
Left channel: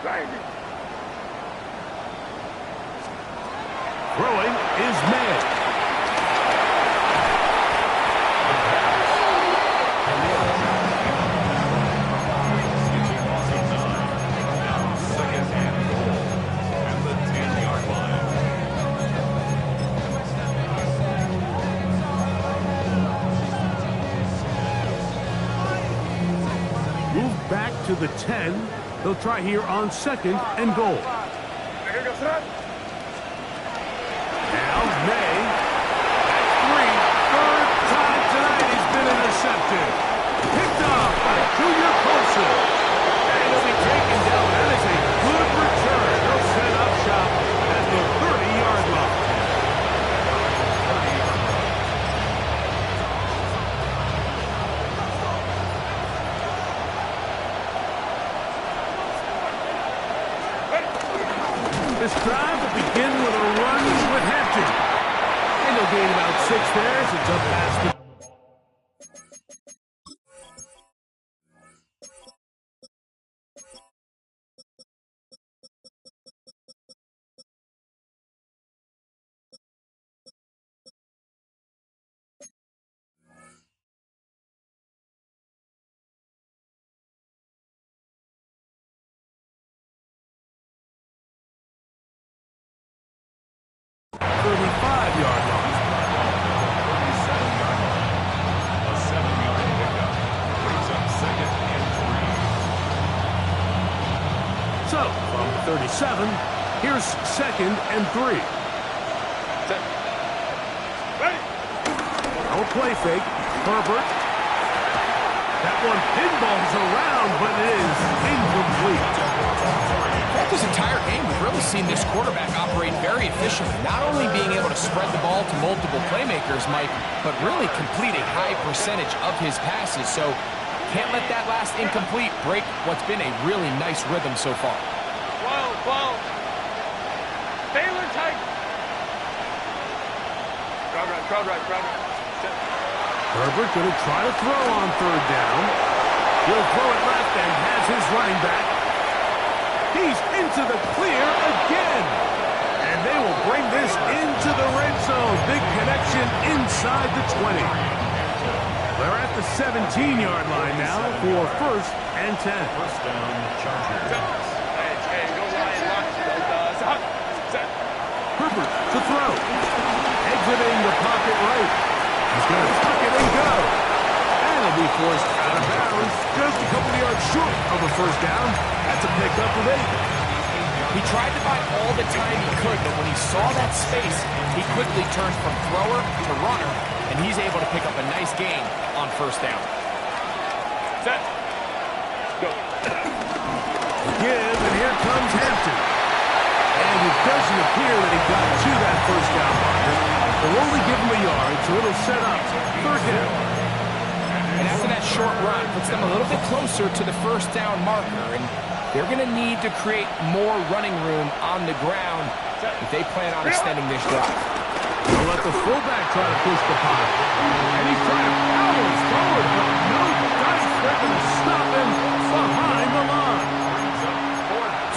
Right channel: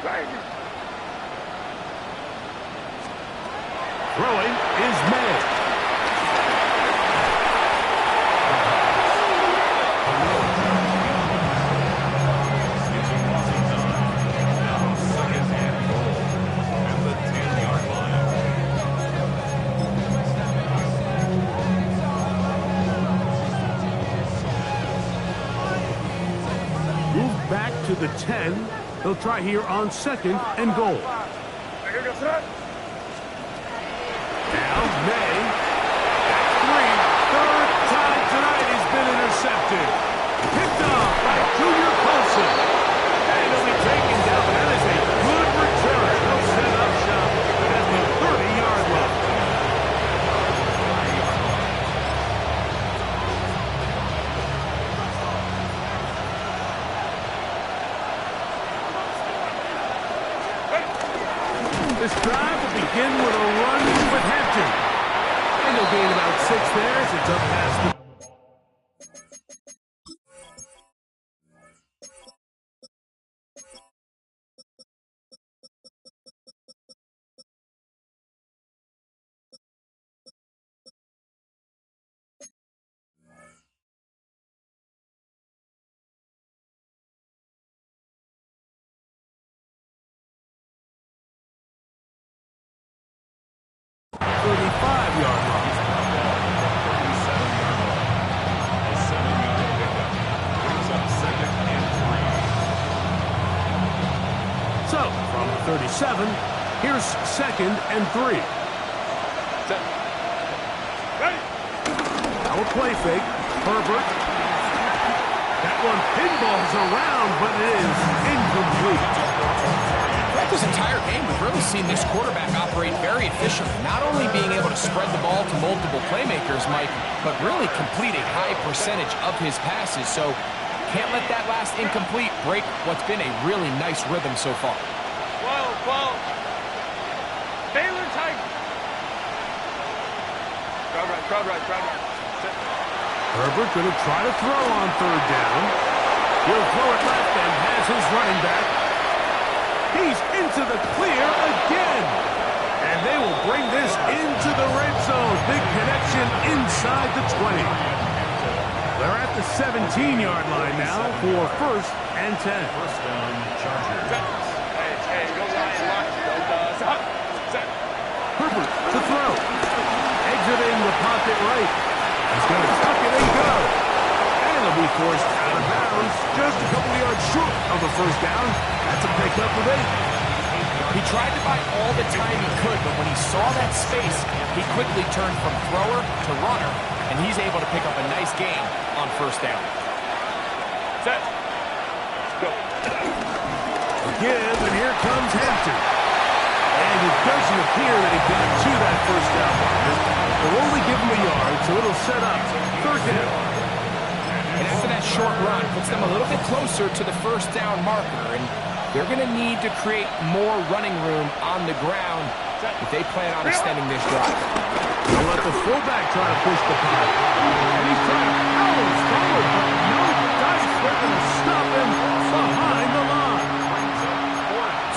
Crazy. Throwing is May. Sketching loss of 9. Now second and goal at the 10-yard line. Move back to the 10. They'll try here on second and goal. Now May. That's 3. Third time tonight he's been intercepted. Picked off by Junior Colson. And he'll be taken down. That is a good return. They'll set up shop at the 30-yard line. This drive will begin with a run with Hampton. And he'll gain about 6 there as it's up past the... yard line. 37-yard line. A 7-yard pickup. Brings up second and 3. So, from 37, here's second and 3. Set. Ready. Now a play fake. Herbert. That one pinballs around, but it is incomplete. Throughout this entire game, we've really seen this quarterback operate very efficiently, not only being able to spread the ball to multiple playmakers, Mike, but really complete a high percentage of his passes. So can't let that last incomplete break what's been a really nice rhythm so far. 12. Baylor Titan. Crowd right. Set. Herbert going to try to throw on third down. He'll throw it left and has his running back. He's into the clear again. And they will bring this into the red zone. Big connection inside the 20. They're at the 17-yard line now for first and 10. First down, Chargers. Hey, go Ryan. Lock. Set. Herbert to throw. Exiting the pocket right. He's going to tuck it and go. And he'll be forced out of bounds. Just a couple of yards short of a first down. That's a pickup of 8. He tried to buy all the time he could, but when he saw that space, he quickly turned from thrower to runner, and he's able to pick up a nice gain on first down. Set. Go. Give, and here comes Hampton. And it doesn't appear that he got to that first down marker. They'll only give him a yard, so it'll set up third down. And after that short run, puts them a little bit closer to the first down marker, and they're going to need to create more running room on the ground if they plan on extending this drive. They'll let the fullback try to push the pile. And he's trying to power forward, but no dice. They're going to stop him behind the line.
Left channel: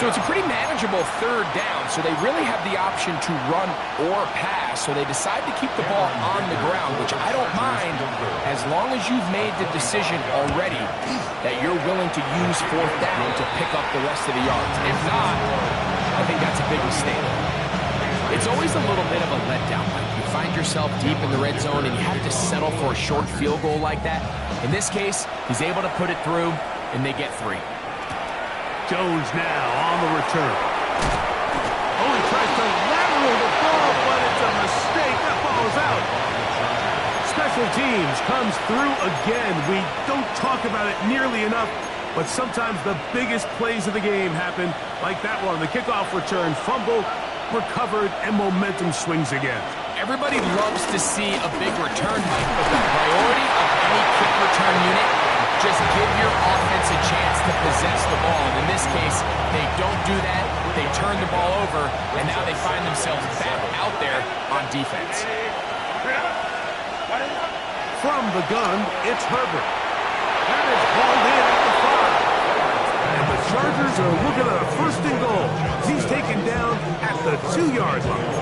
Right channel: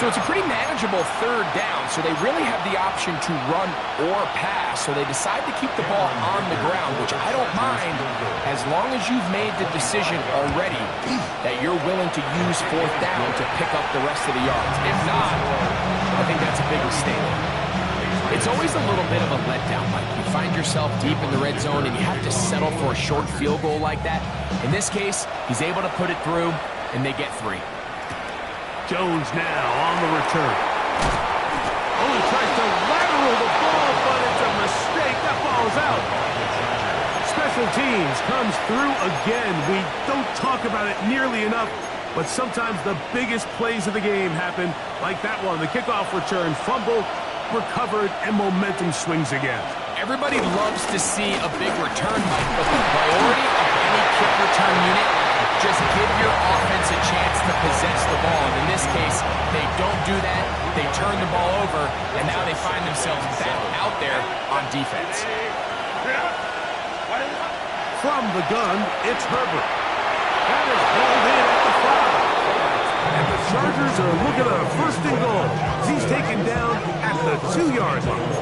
So it's a pretty manageable third down, so they really have the option to run or pass, so they decide to keep the ball on the ground, which I don't mind as long as you've made the decision already that you're willing to use fourth down to pick up the rest of the yards. If not, I think that's a big mistake. It's always a little bit of a letdown, Mike. You find yourself deep in the red zone and you have to settle for a short field goal like that. In this case, he's able to put it through, and they get 3. Jones now on the return. Oh, he tries to lateral the ball, but it's a mistake. That ball is out. Special teams comes through again. We don't talk about it nearly enough, but sometimes the biggest plays of the game happen like that one. The kickoff return, fumble, recovered, and momentum swings again. Everybody loves to see a big return, Mike, but the priority of any kick return unit, just give your offense a chance to possess the ball. And in this case, they don't do that. They turn the ball over, and now they find themselves back out there on defense. From the gun, it's Herbert. That is hauled in at the 5. And the Chargers are looking at a 1st and goal. He's taken down at the 2-yard line.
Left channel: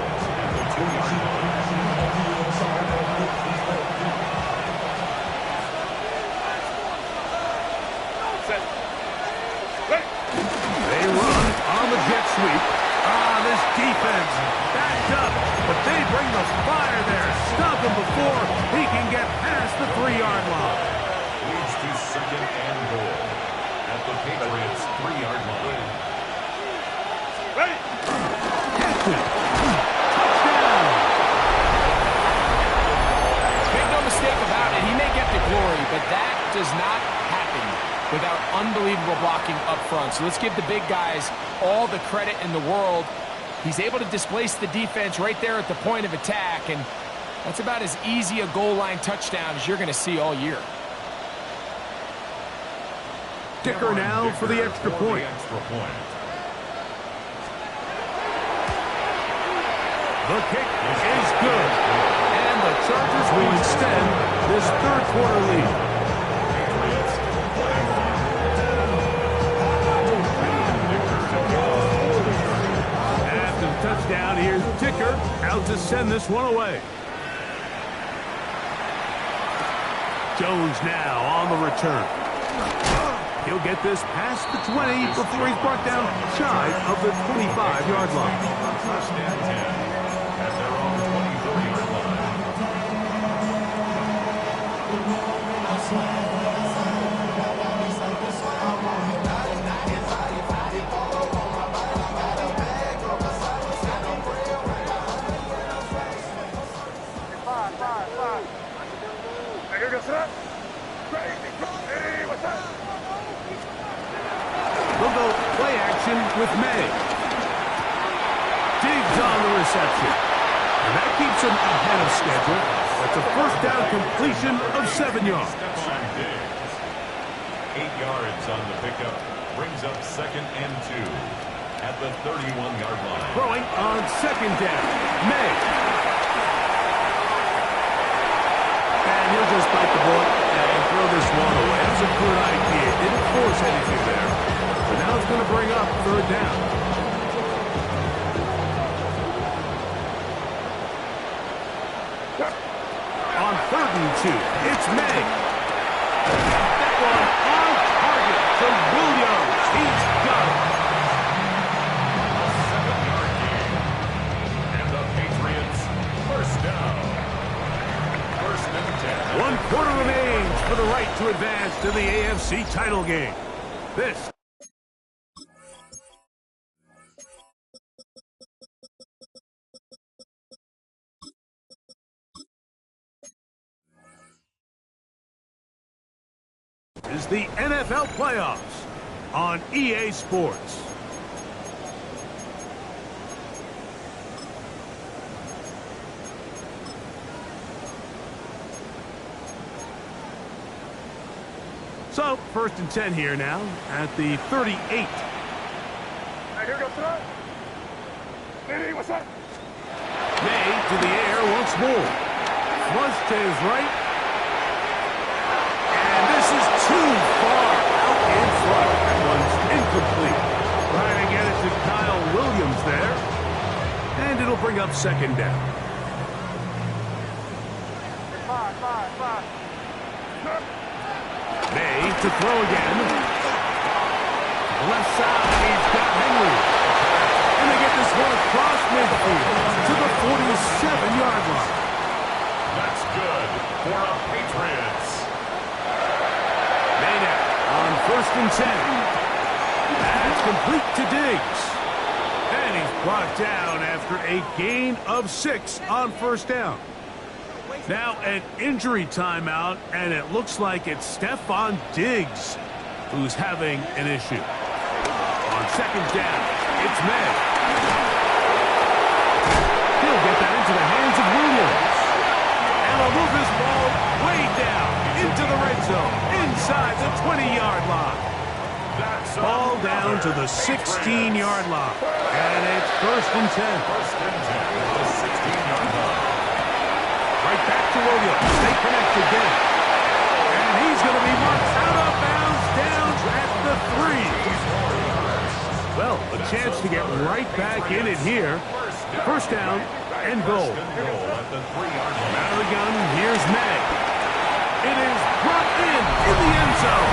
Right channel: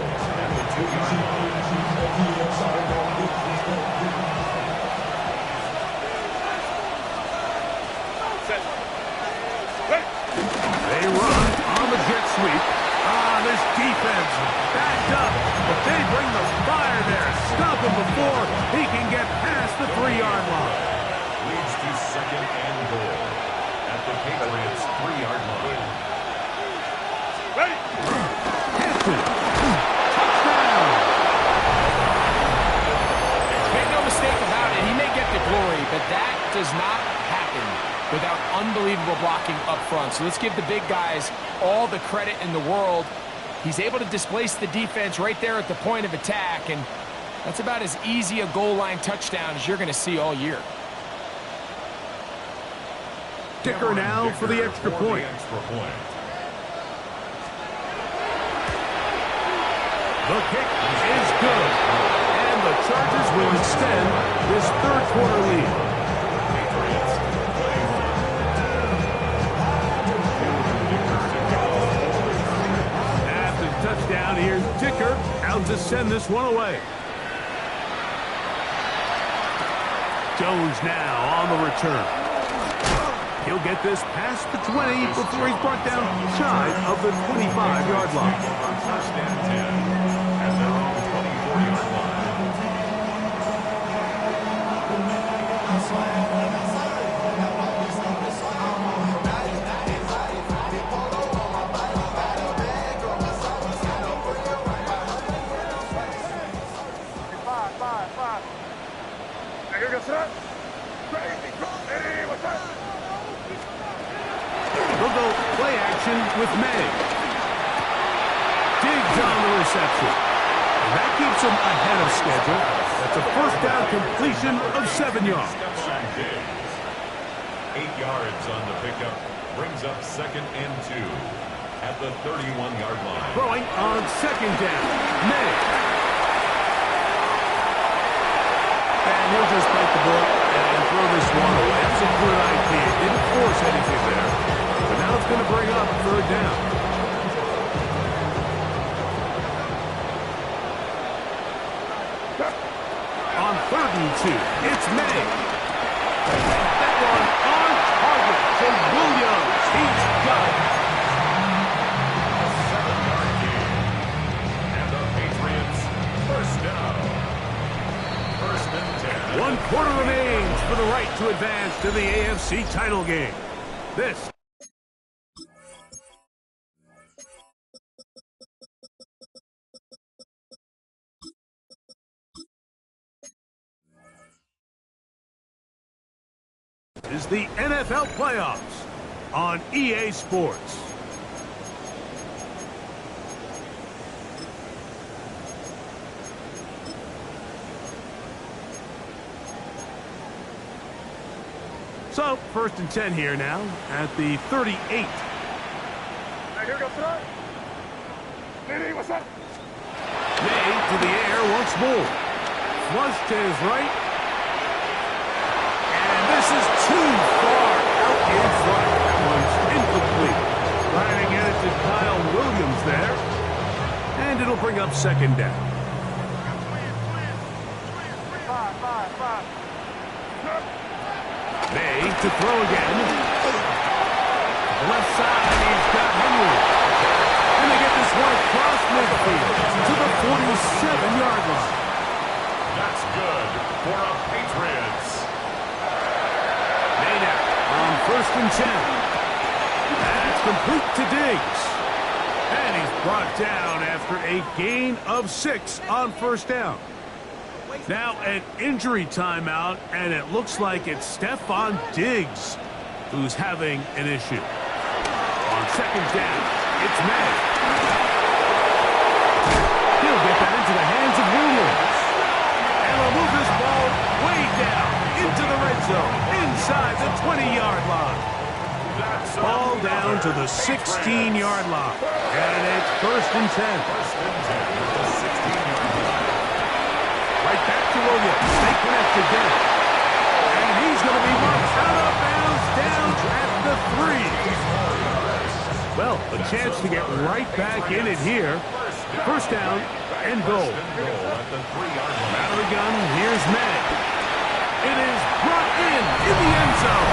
They run on the jet sweep. This defense backed up, but they bring the fire there. Stop him before he can get past the 3-yard line. Leads to 2nd and goal at the Patriots' 3-yard line. Ready. Hampton. Touchdown. Make no mistake about it, he may get the glory, but that does not happen without unbelievable blocking up front. So let's give the big guys all the credit in the world. He's able to displace the defense right there at the point of attack, and that's about as easy a goal line touchdown as you're going to see all year. Dicker now for the extra point. The kick is good, and the Chargers will extend this 3rd quarter lead. Patriots playing on. After the touchdown, here's Dicker out to send this one away. Jones now on the return. He'll get this past the 20 before he's brought down shy of the 25-yard line. 1st and 10 at their own 24-yard line. Five. Here goes that. Hey, what's that? They'll go play action with May. Diggs on the reception. And that keeps him ahead of schedule. That's a 1st down completion of 7 yards. Steps on Diggs. 8 yards on the pickup. Brings up 2nd and 2 at the 31-yard line. Throwing on 2nd down. May. And he'll just bite the bullet and throw this one away. That's a good idea. Didn't force anything there. But now it's going to bring up 3rd down. On 3rd and 2, it's May. That one on target to Williams. He's got it. A 7-yard gain. And the Patriots 1st down. 1st and 10. 1 quarter remains for the right to advance to the AFC title game. This is the NFL playoffs on EA Sports. So, 1st and 10 here now at the 38. Hey, here goes that. Hey, what's that? May to the air once more. Flush to his right. And this is too far out in front. That one's incomplete. Trying to get it to Kyle Williams there. And it'll bring up 2nd down. Five. May to throw again. The left side, he's got Henry. And they get this one across midfield. 7-yard line. That's good for a Patriots. Ncaa on 1st and 10. That's complete to Diggs. And he's brought down after a gain of 6 on 1st down. Now an injury timeout, and it looks like it's Stephon Diggs who's having an issue. On 2nd down, it's May. He'll get that into the hands of Williams. And they'll move this ball way down into the red zone, inside the 20-yard line. Ball down to the 16-yard line. And it's 1st and 10. 1st and 10 at the 16-yard line. Right back to Williams. They connect again. And he's going to be marked out of bounds down at the 3. Well, a chance to get right back in it here. 1st down and goal. At the 3-yard line. Out of the gun, here's May. It is brought in the end zone.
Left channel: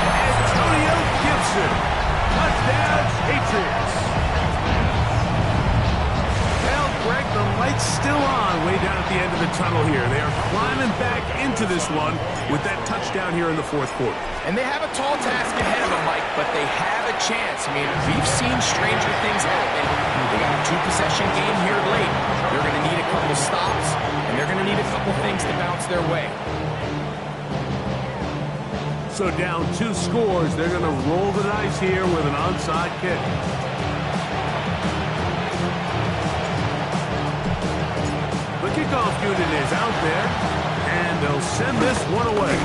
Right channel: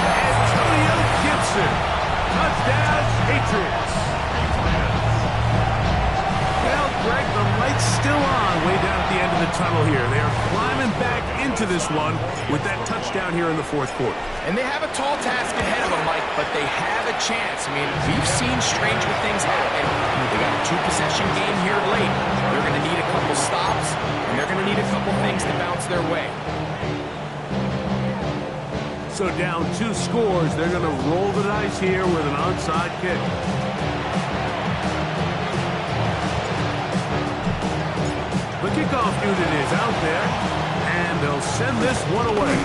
Antonio Gibson. Touchdown, Patriots. Well, Greg, the light's still on way down at the end of the tunnel here. They are climbing back into this one with that touchdown here in the 4th quarter. And they have a tall task ahead of them, Mike, but they have a chance. I mean, we've seen stranger things happen. They got a 2-possession game here late. They're going to need a couple stops, and they're going to need a couple things to bounce their way. So down 2 scores, they're going to roll the dice here with an onside kick. The kickoff unit is out there, and they'll send this one away.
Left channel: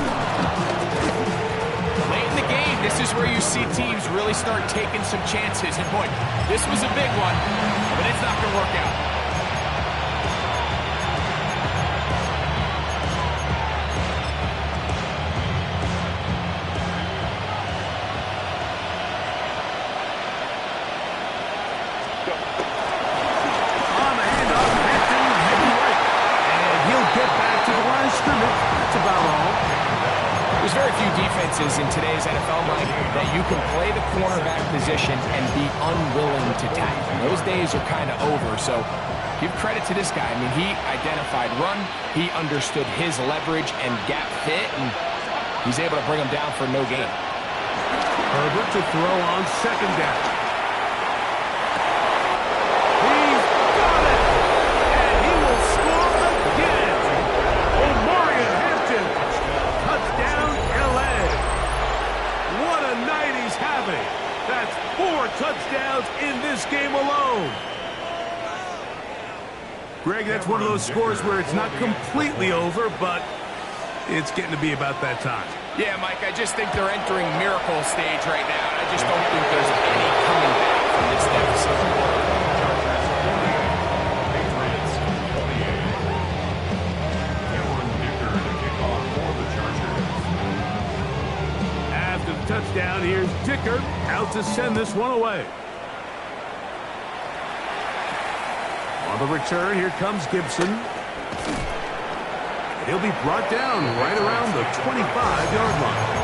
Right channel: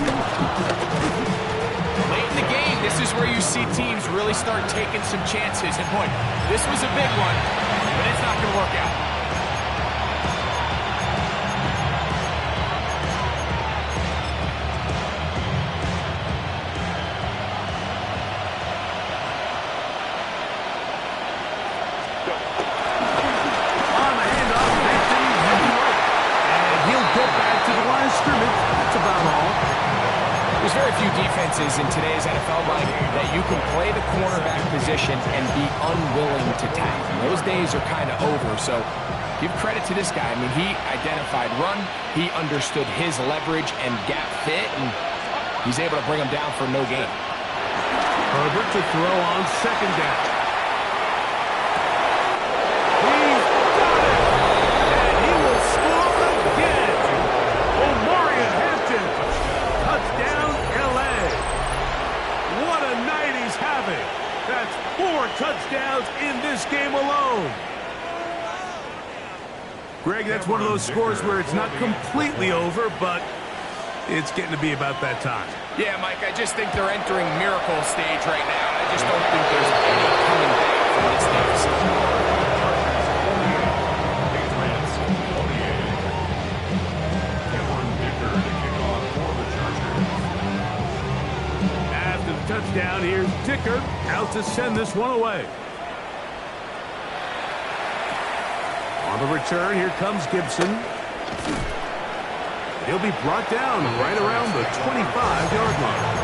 Late in the game, this is where you see teams really start taking some chances. And boy, this was a big one, but it's not going to work out. There's very few defenses in today's NFL, Mike, that you can play the cornerback position and be unwilling to tackle. Those days are kind of over, so give credit to this guy. I mean, he identified run, he understood his leverage and gap fit, and he's able to bring him down for no gain. Herbert to throw on 2nd down. He's got it! And he will score again! Omarion Hampton! Touchdown, L.A. What a night he's having. That's 4 touchdowns in this game alone. Greg, that's one of those scores where it's not completely over, but it's getting to be about that time. Yeah, Mike, I just think they're entering miracle stage right now, and I just don't think there's any coming back from this deficit. Patriots 28. After the touchdown, here's Dicker out to send this one away. On the return, here comes Gibson. And he'll be brought down right around the 25-yard line.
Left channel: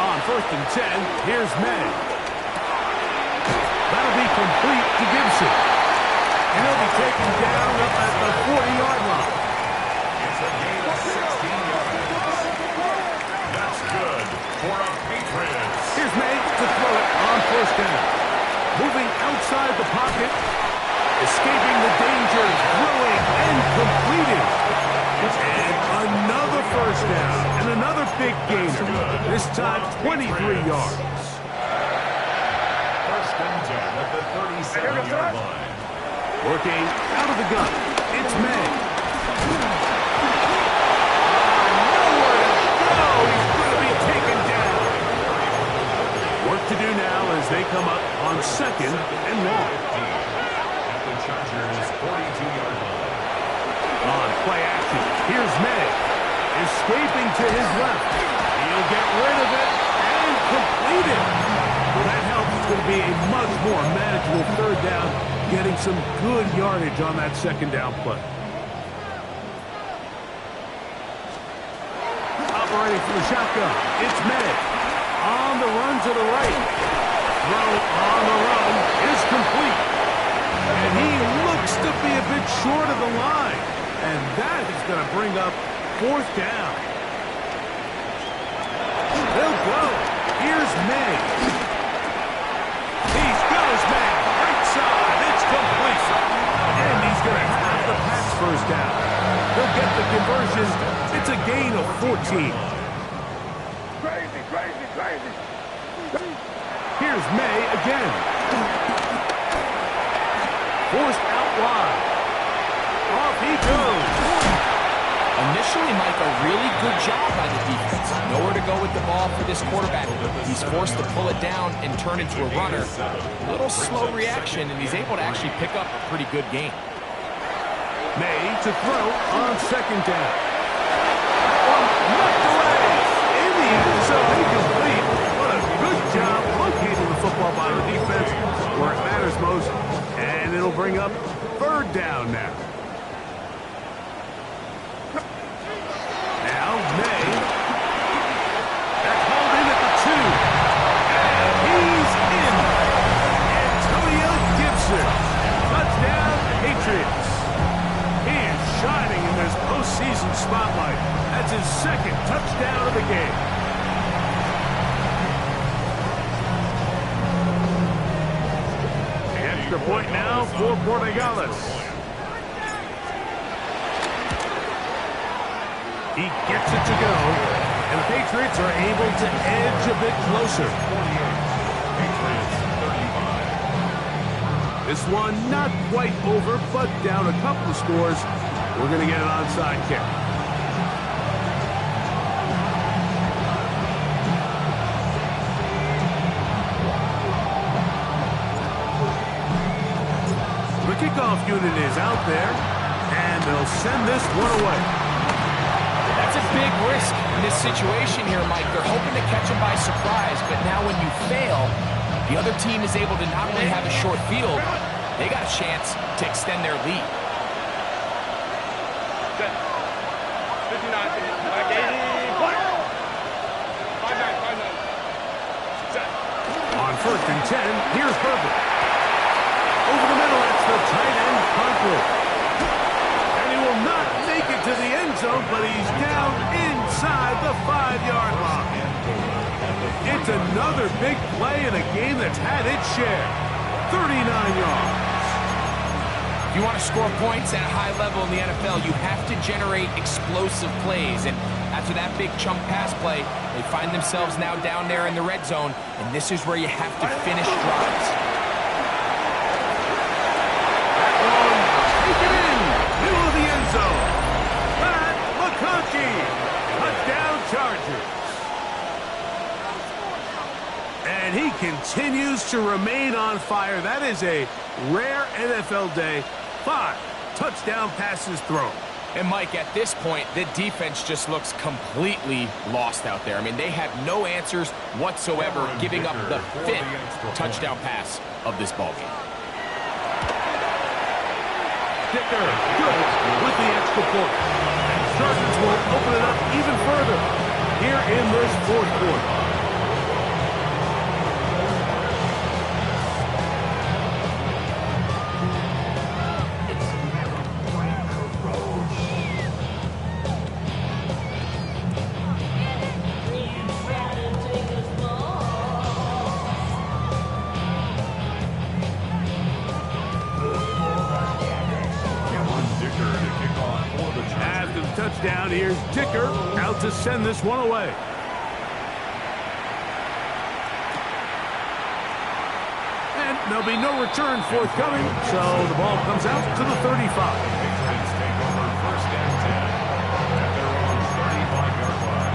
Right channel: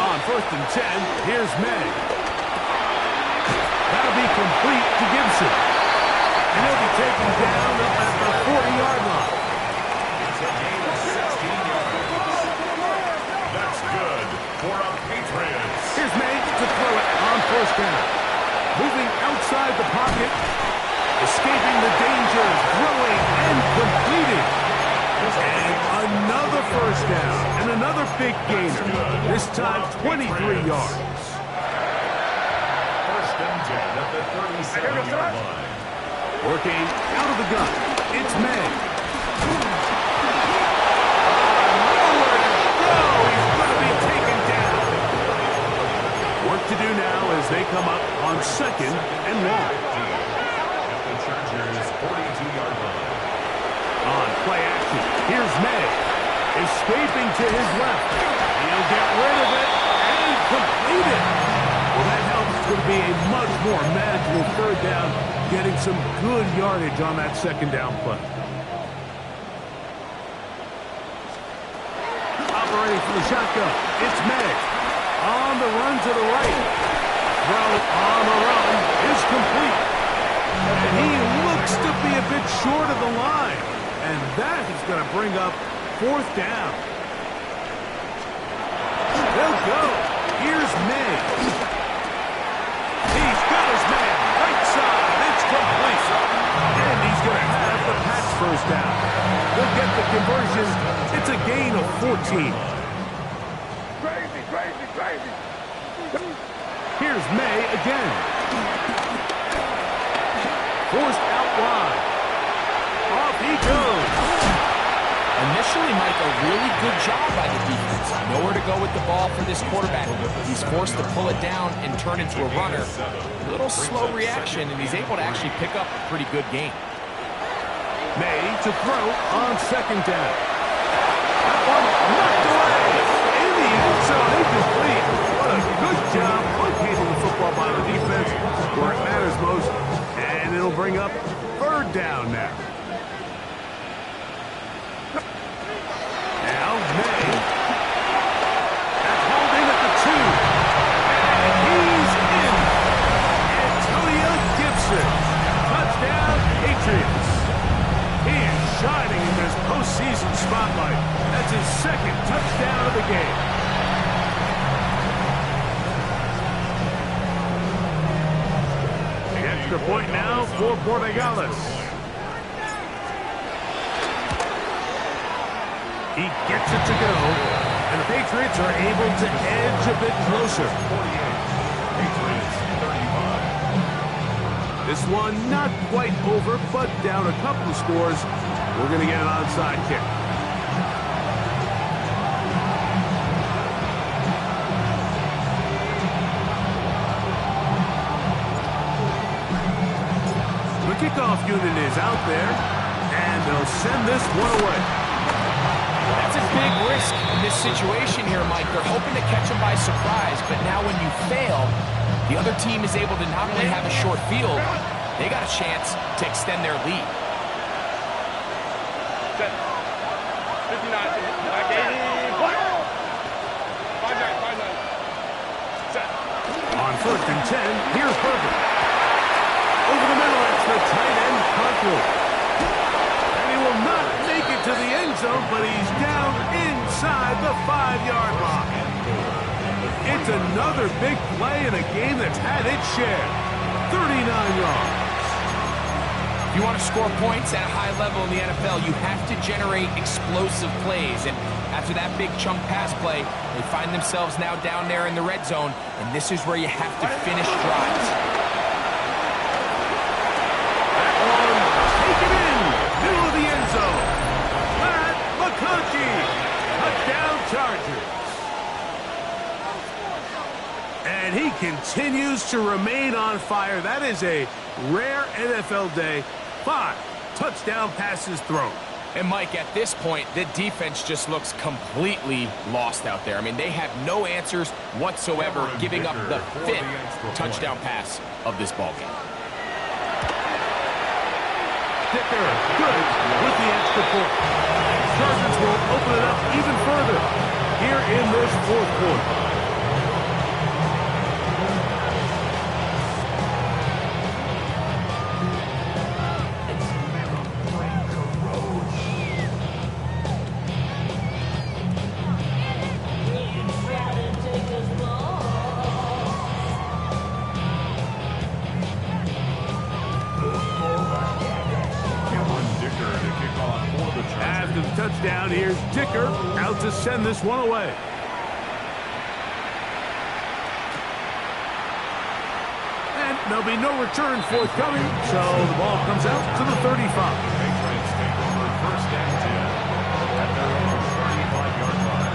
On 1st and 10, here's May. That'll be complete to Gibson. And he'll be taken down up at the 40-yard line. It's a gain of 16 yards. That's good for a Patriots. Here's May to throw it on 1st down. Moving outside the pocket. Escaping the danger. Throwing and completing. And another 1st down. And another big gainer. This time 23 yards. 1st and 10 at the 37-yard line. Working out of the gun. It's May. Nowhere to go. He's going to be taken down. Work to do now as they come up on 2nd and long. At the Chargers' 42-yard line. On play action, here's May. Escaping to his left. He'll get rid of it and complete it. Well, that helps. It's going to be a much more manageable 3rd down, getting some good yardage on that 2nd down play. separating from the shotgun. It's May. On the run to the right. Throw on the run is complete. And he looks to be a bit short of the line. And that is going to bring up 4th down. They'll go. Here's May. He's got his man. Right side. It's complete. And he's going to have the patch first down. He'll get the conversion. It's a gain of 14. Crazy, crazy, crazy. Here's May again. Forced out wide. Off he goes. Initially, Mike, a really good job by the defense. Nowhere to go with the ball for this quarterback. He's forced to pull it down and turn into a runner. A little slow reaction, and he's able to actually pick up a pretty good game. May to throw on 2nd down. That one knocked away. In the end zone, incomplete. What a good job locating the football by the defense where it matters most. And it'll bring up 3rd down now. Now May. That's hauled in at the 2. And he's in. Antonio Gibson. Touchdown, Patriots. He is shining in this postseason spotlight. That's his 2nd touchdown of the game. The extra point now for Borregales. He gets it to go, and the Patriots are able to edge a bit closer. 48. Patriots 35. This one not quite over, but down a couple of scores. We're going to get an onside kick. The kickoff unit is out there, and they'll send this one away. That's a big risk in this situation here, Mike. They're hoping to catch him by surprise, but now when you fail, the other team is able to not only have a short field, they got a chance to extend their lead. 59, 59. Set. On 1st and 10, here's Herbert. Over the middle, that's the tight end, Conklin. And he will not make it to the end zone, but he's down inside the 5-yard line. It's another big play in a game that's had its share. 39 yards. If you want to score points at a high level in the NFL, you have to generate explosive plays. And after that big chunk pass play, they find themselves now down there in the red zone, and this is where you have to finish drives. That one, take it in, middle of the end zone. Matt McConkey, touchdown Chargers. And he continues to remain on fire. That is a rare NFL day. 5 touchdown passes thrown. And Mike, at this point, the defense just looks completely lost out there. I mean, they have no answers whatsoever, giving up the 5th touchdown pass of this ballgame. Dicker, good with the extra point. And Chargers will open it up even further here in this 4th quarter. After the touchdown, here's Dicker out to send this one away. And there'll be no return forthcoming, so the ball comes out to the 35. The Patriots take over 1st and 10 at their own 35-yard line.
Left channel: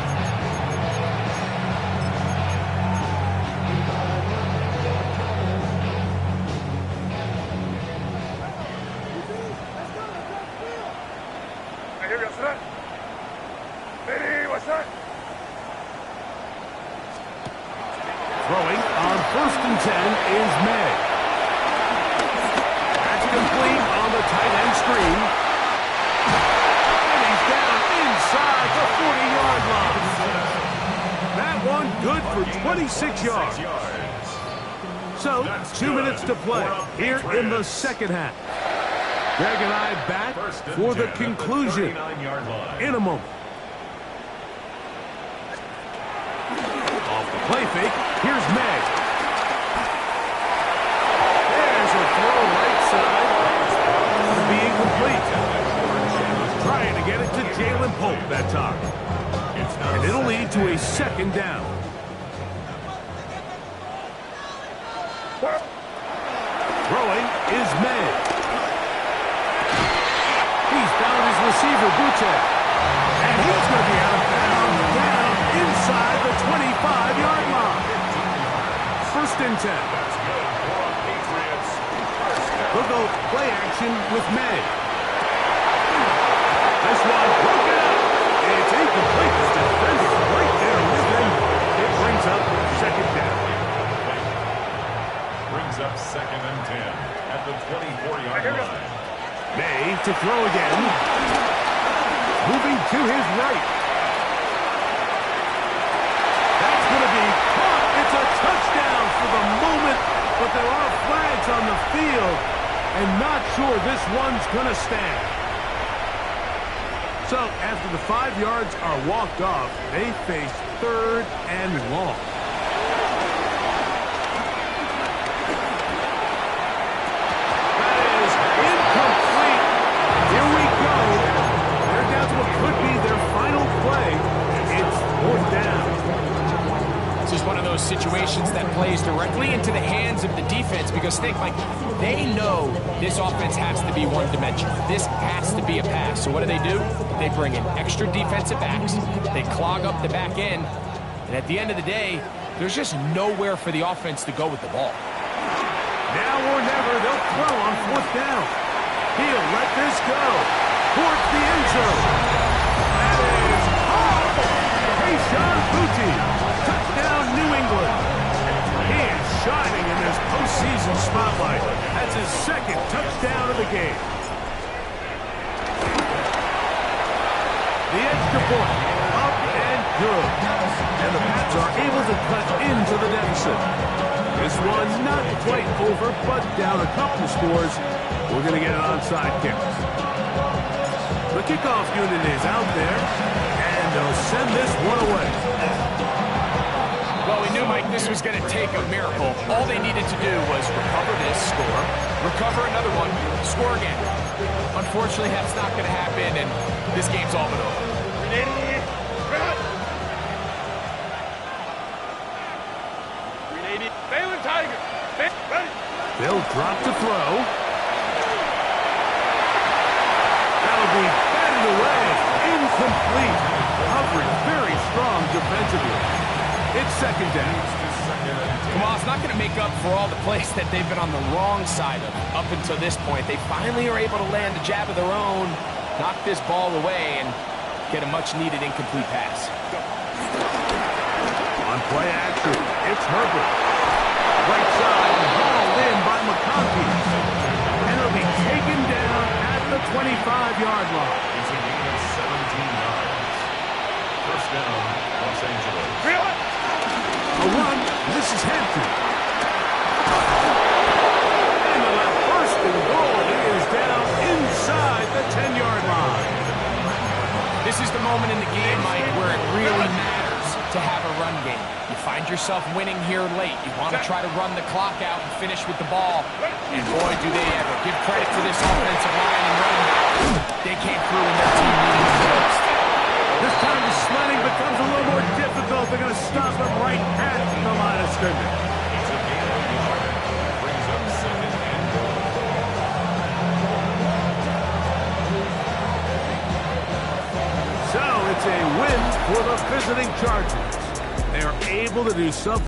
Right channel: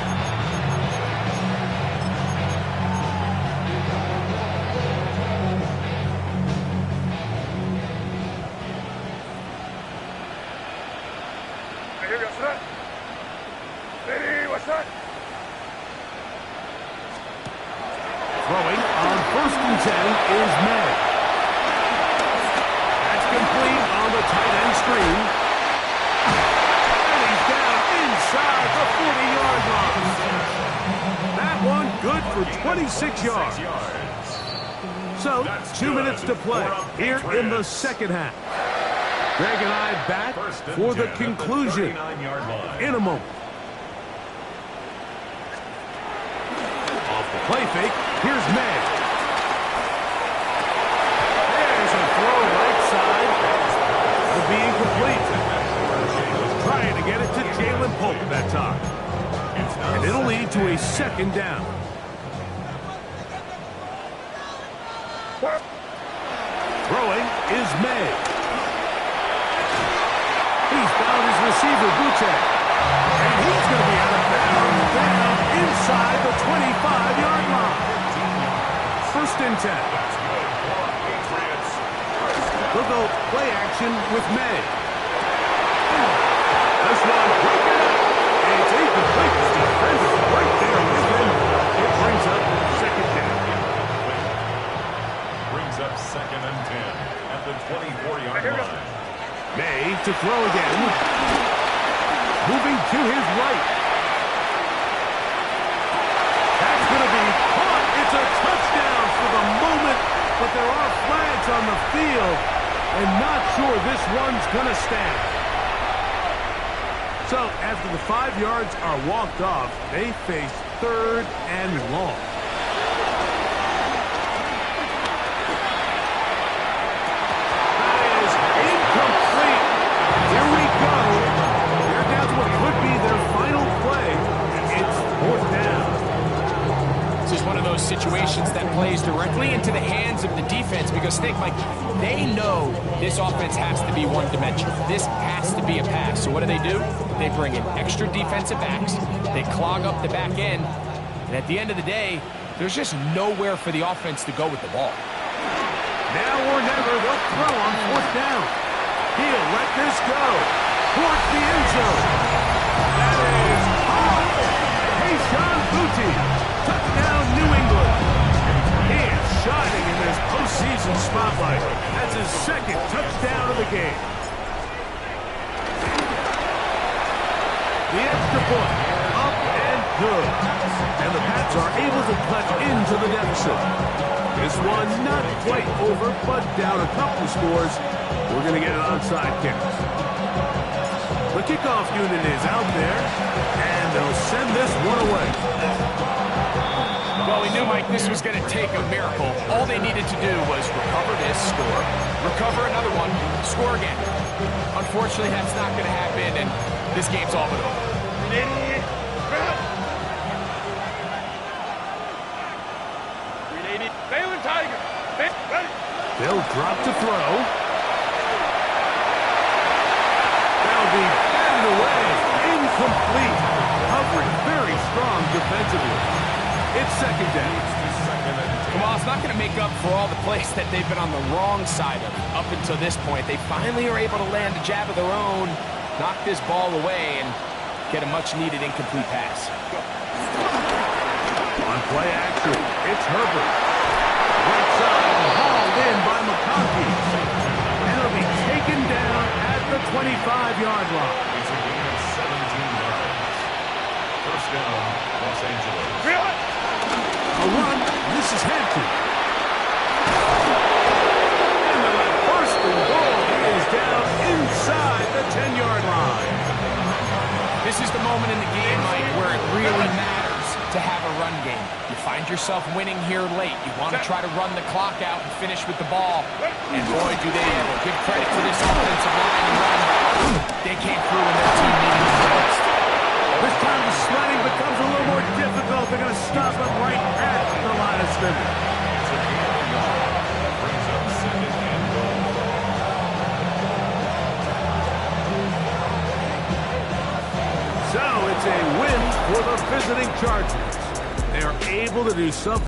Here we go, set. Ready, what's that? Throwing on 1st and 10 is May. That's complete on the tight end screen. And he's down inside the 40-yard line. that one good for 26 yards. So, 2 minutes to play here in the second half. Greg and I back for the conclusion in a moment. Off the play fake, here's May. There's a throw right side. To be incomplete. Trying to get it to Jalen Polk that time. And it'll lead to a second down. Throwing is May. He's found his receiver, Buche. And he's going to be out of bounds down inside the 25-yard line. First and 10. That's good for a Patriots. They'll go play action with May. This one broken up. It's incomplete. The defender right there with him. It brings up second down. Brings up second and 10 at the 24-yard line. May to throw again. Moving to his right. That's going to be caught. It's a touchdown for the moment, but there are flags on the field, and not sure this one's going to stand. So after the 5 yards are walked off, they face third and long. That is incomplete. Here we go. They're down to what could be their final play. It's fourth down. This is one of those situations that plays directly into the hands of the defense because think, Mike, they know this offense has to be one-dimensional. This has to be a pass. So what do? They bring in extra defensive backs. They clog up the back end. And at the end of the day, there's just nowhere for the offense to go with the ball. Now or never, they'll throw on fourth down. He'll let this go towards the end zone. That is caught. Kayshon Boutte. Touchdown, New England. He is shining in this postseason spotlight. That's his second touchdown of the game. The extra point, up and good. And the Pats are able to cut into the deficit. This one not quite over, but down a couple of scores. We're going to get an onside kick. The kickoff unit is out there, and they'll send this one away. Well, we knew, Mike, this was going to take a miracle. All they needed to do was recover this, score, recover another one, score again. Unfortunately, that's not going to happen, and this game's all but over. Baylor Tiger. Ready. They'll drop to throw. That'll be batted away. Incomplete. Covering very strong defensively. It's second down. Well, it's not going to make up for all the plays that they've been on the wrong side of up until this point. They finally are able to land a jab of their own, knock this ball away, and get a much-needed incomplete pass. On play action, it's Herbert. Right side, hauled in by McConkey. And it'll be taken down at the 25-yard line. It's a gain of 17 yards. First down, Los Angeles. A run, this is Hampton. And the first and goal, he is down inside the 10-yard line. This is the moment in the game, Mike, where it really matters to have a run game. You find yourself winning here late. You want to try to run the clock out and finish with the ball. And boy, do they ever. Give credit to this offensive line and running back. They came through when their team needed it the most. This time the sledding becomes a little more difficult. They're going to stop him right at the line of scrimmage. It's a gain of a yard. Brings up second and goal. So it's a win for the visiting Chargers. They are able to do something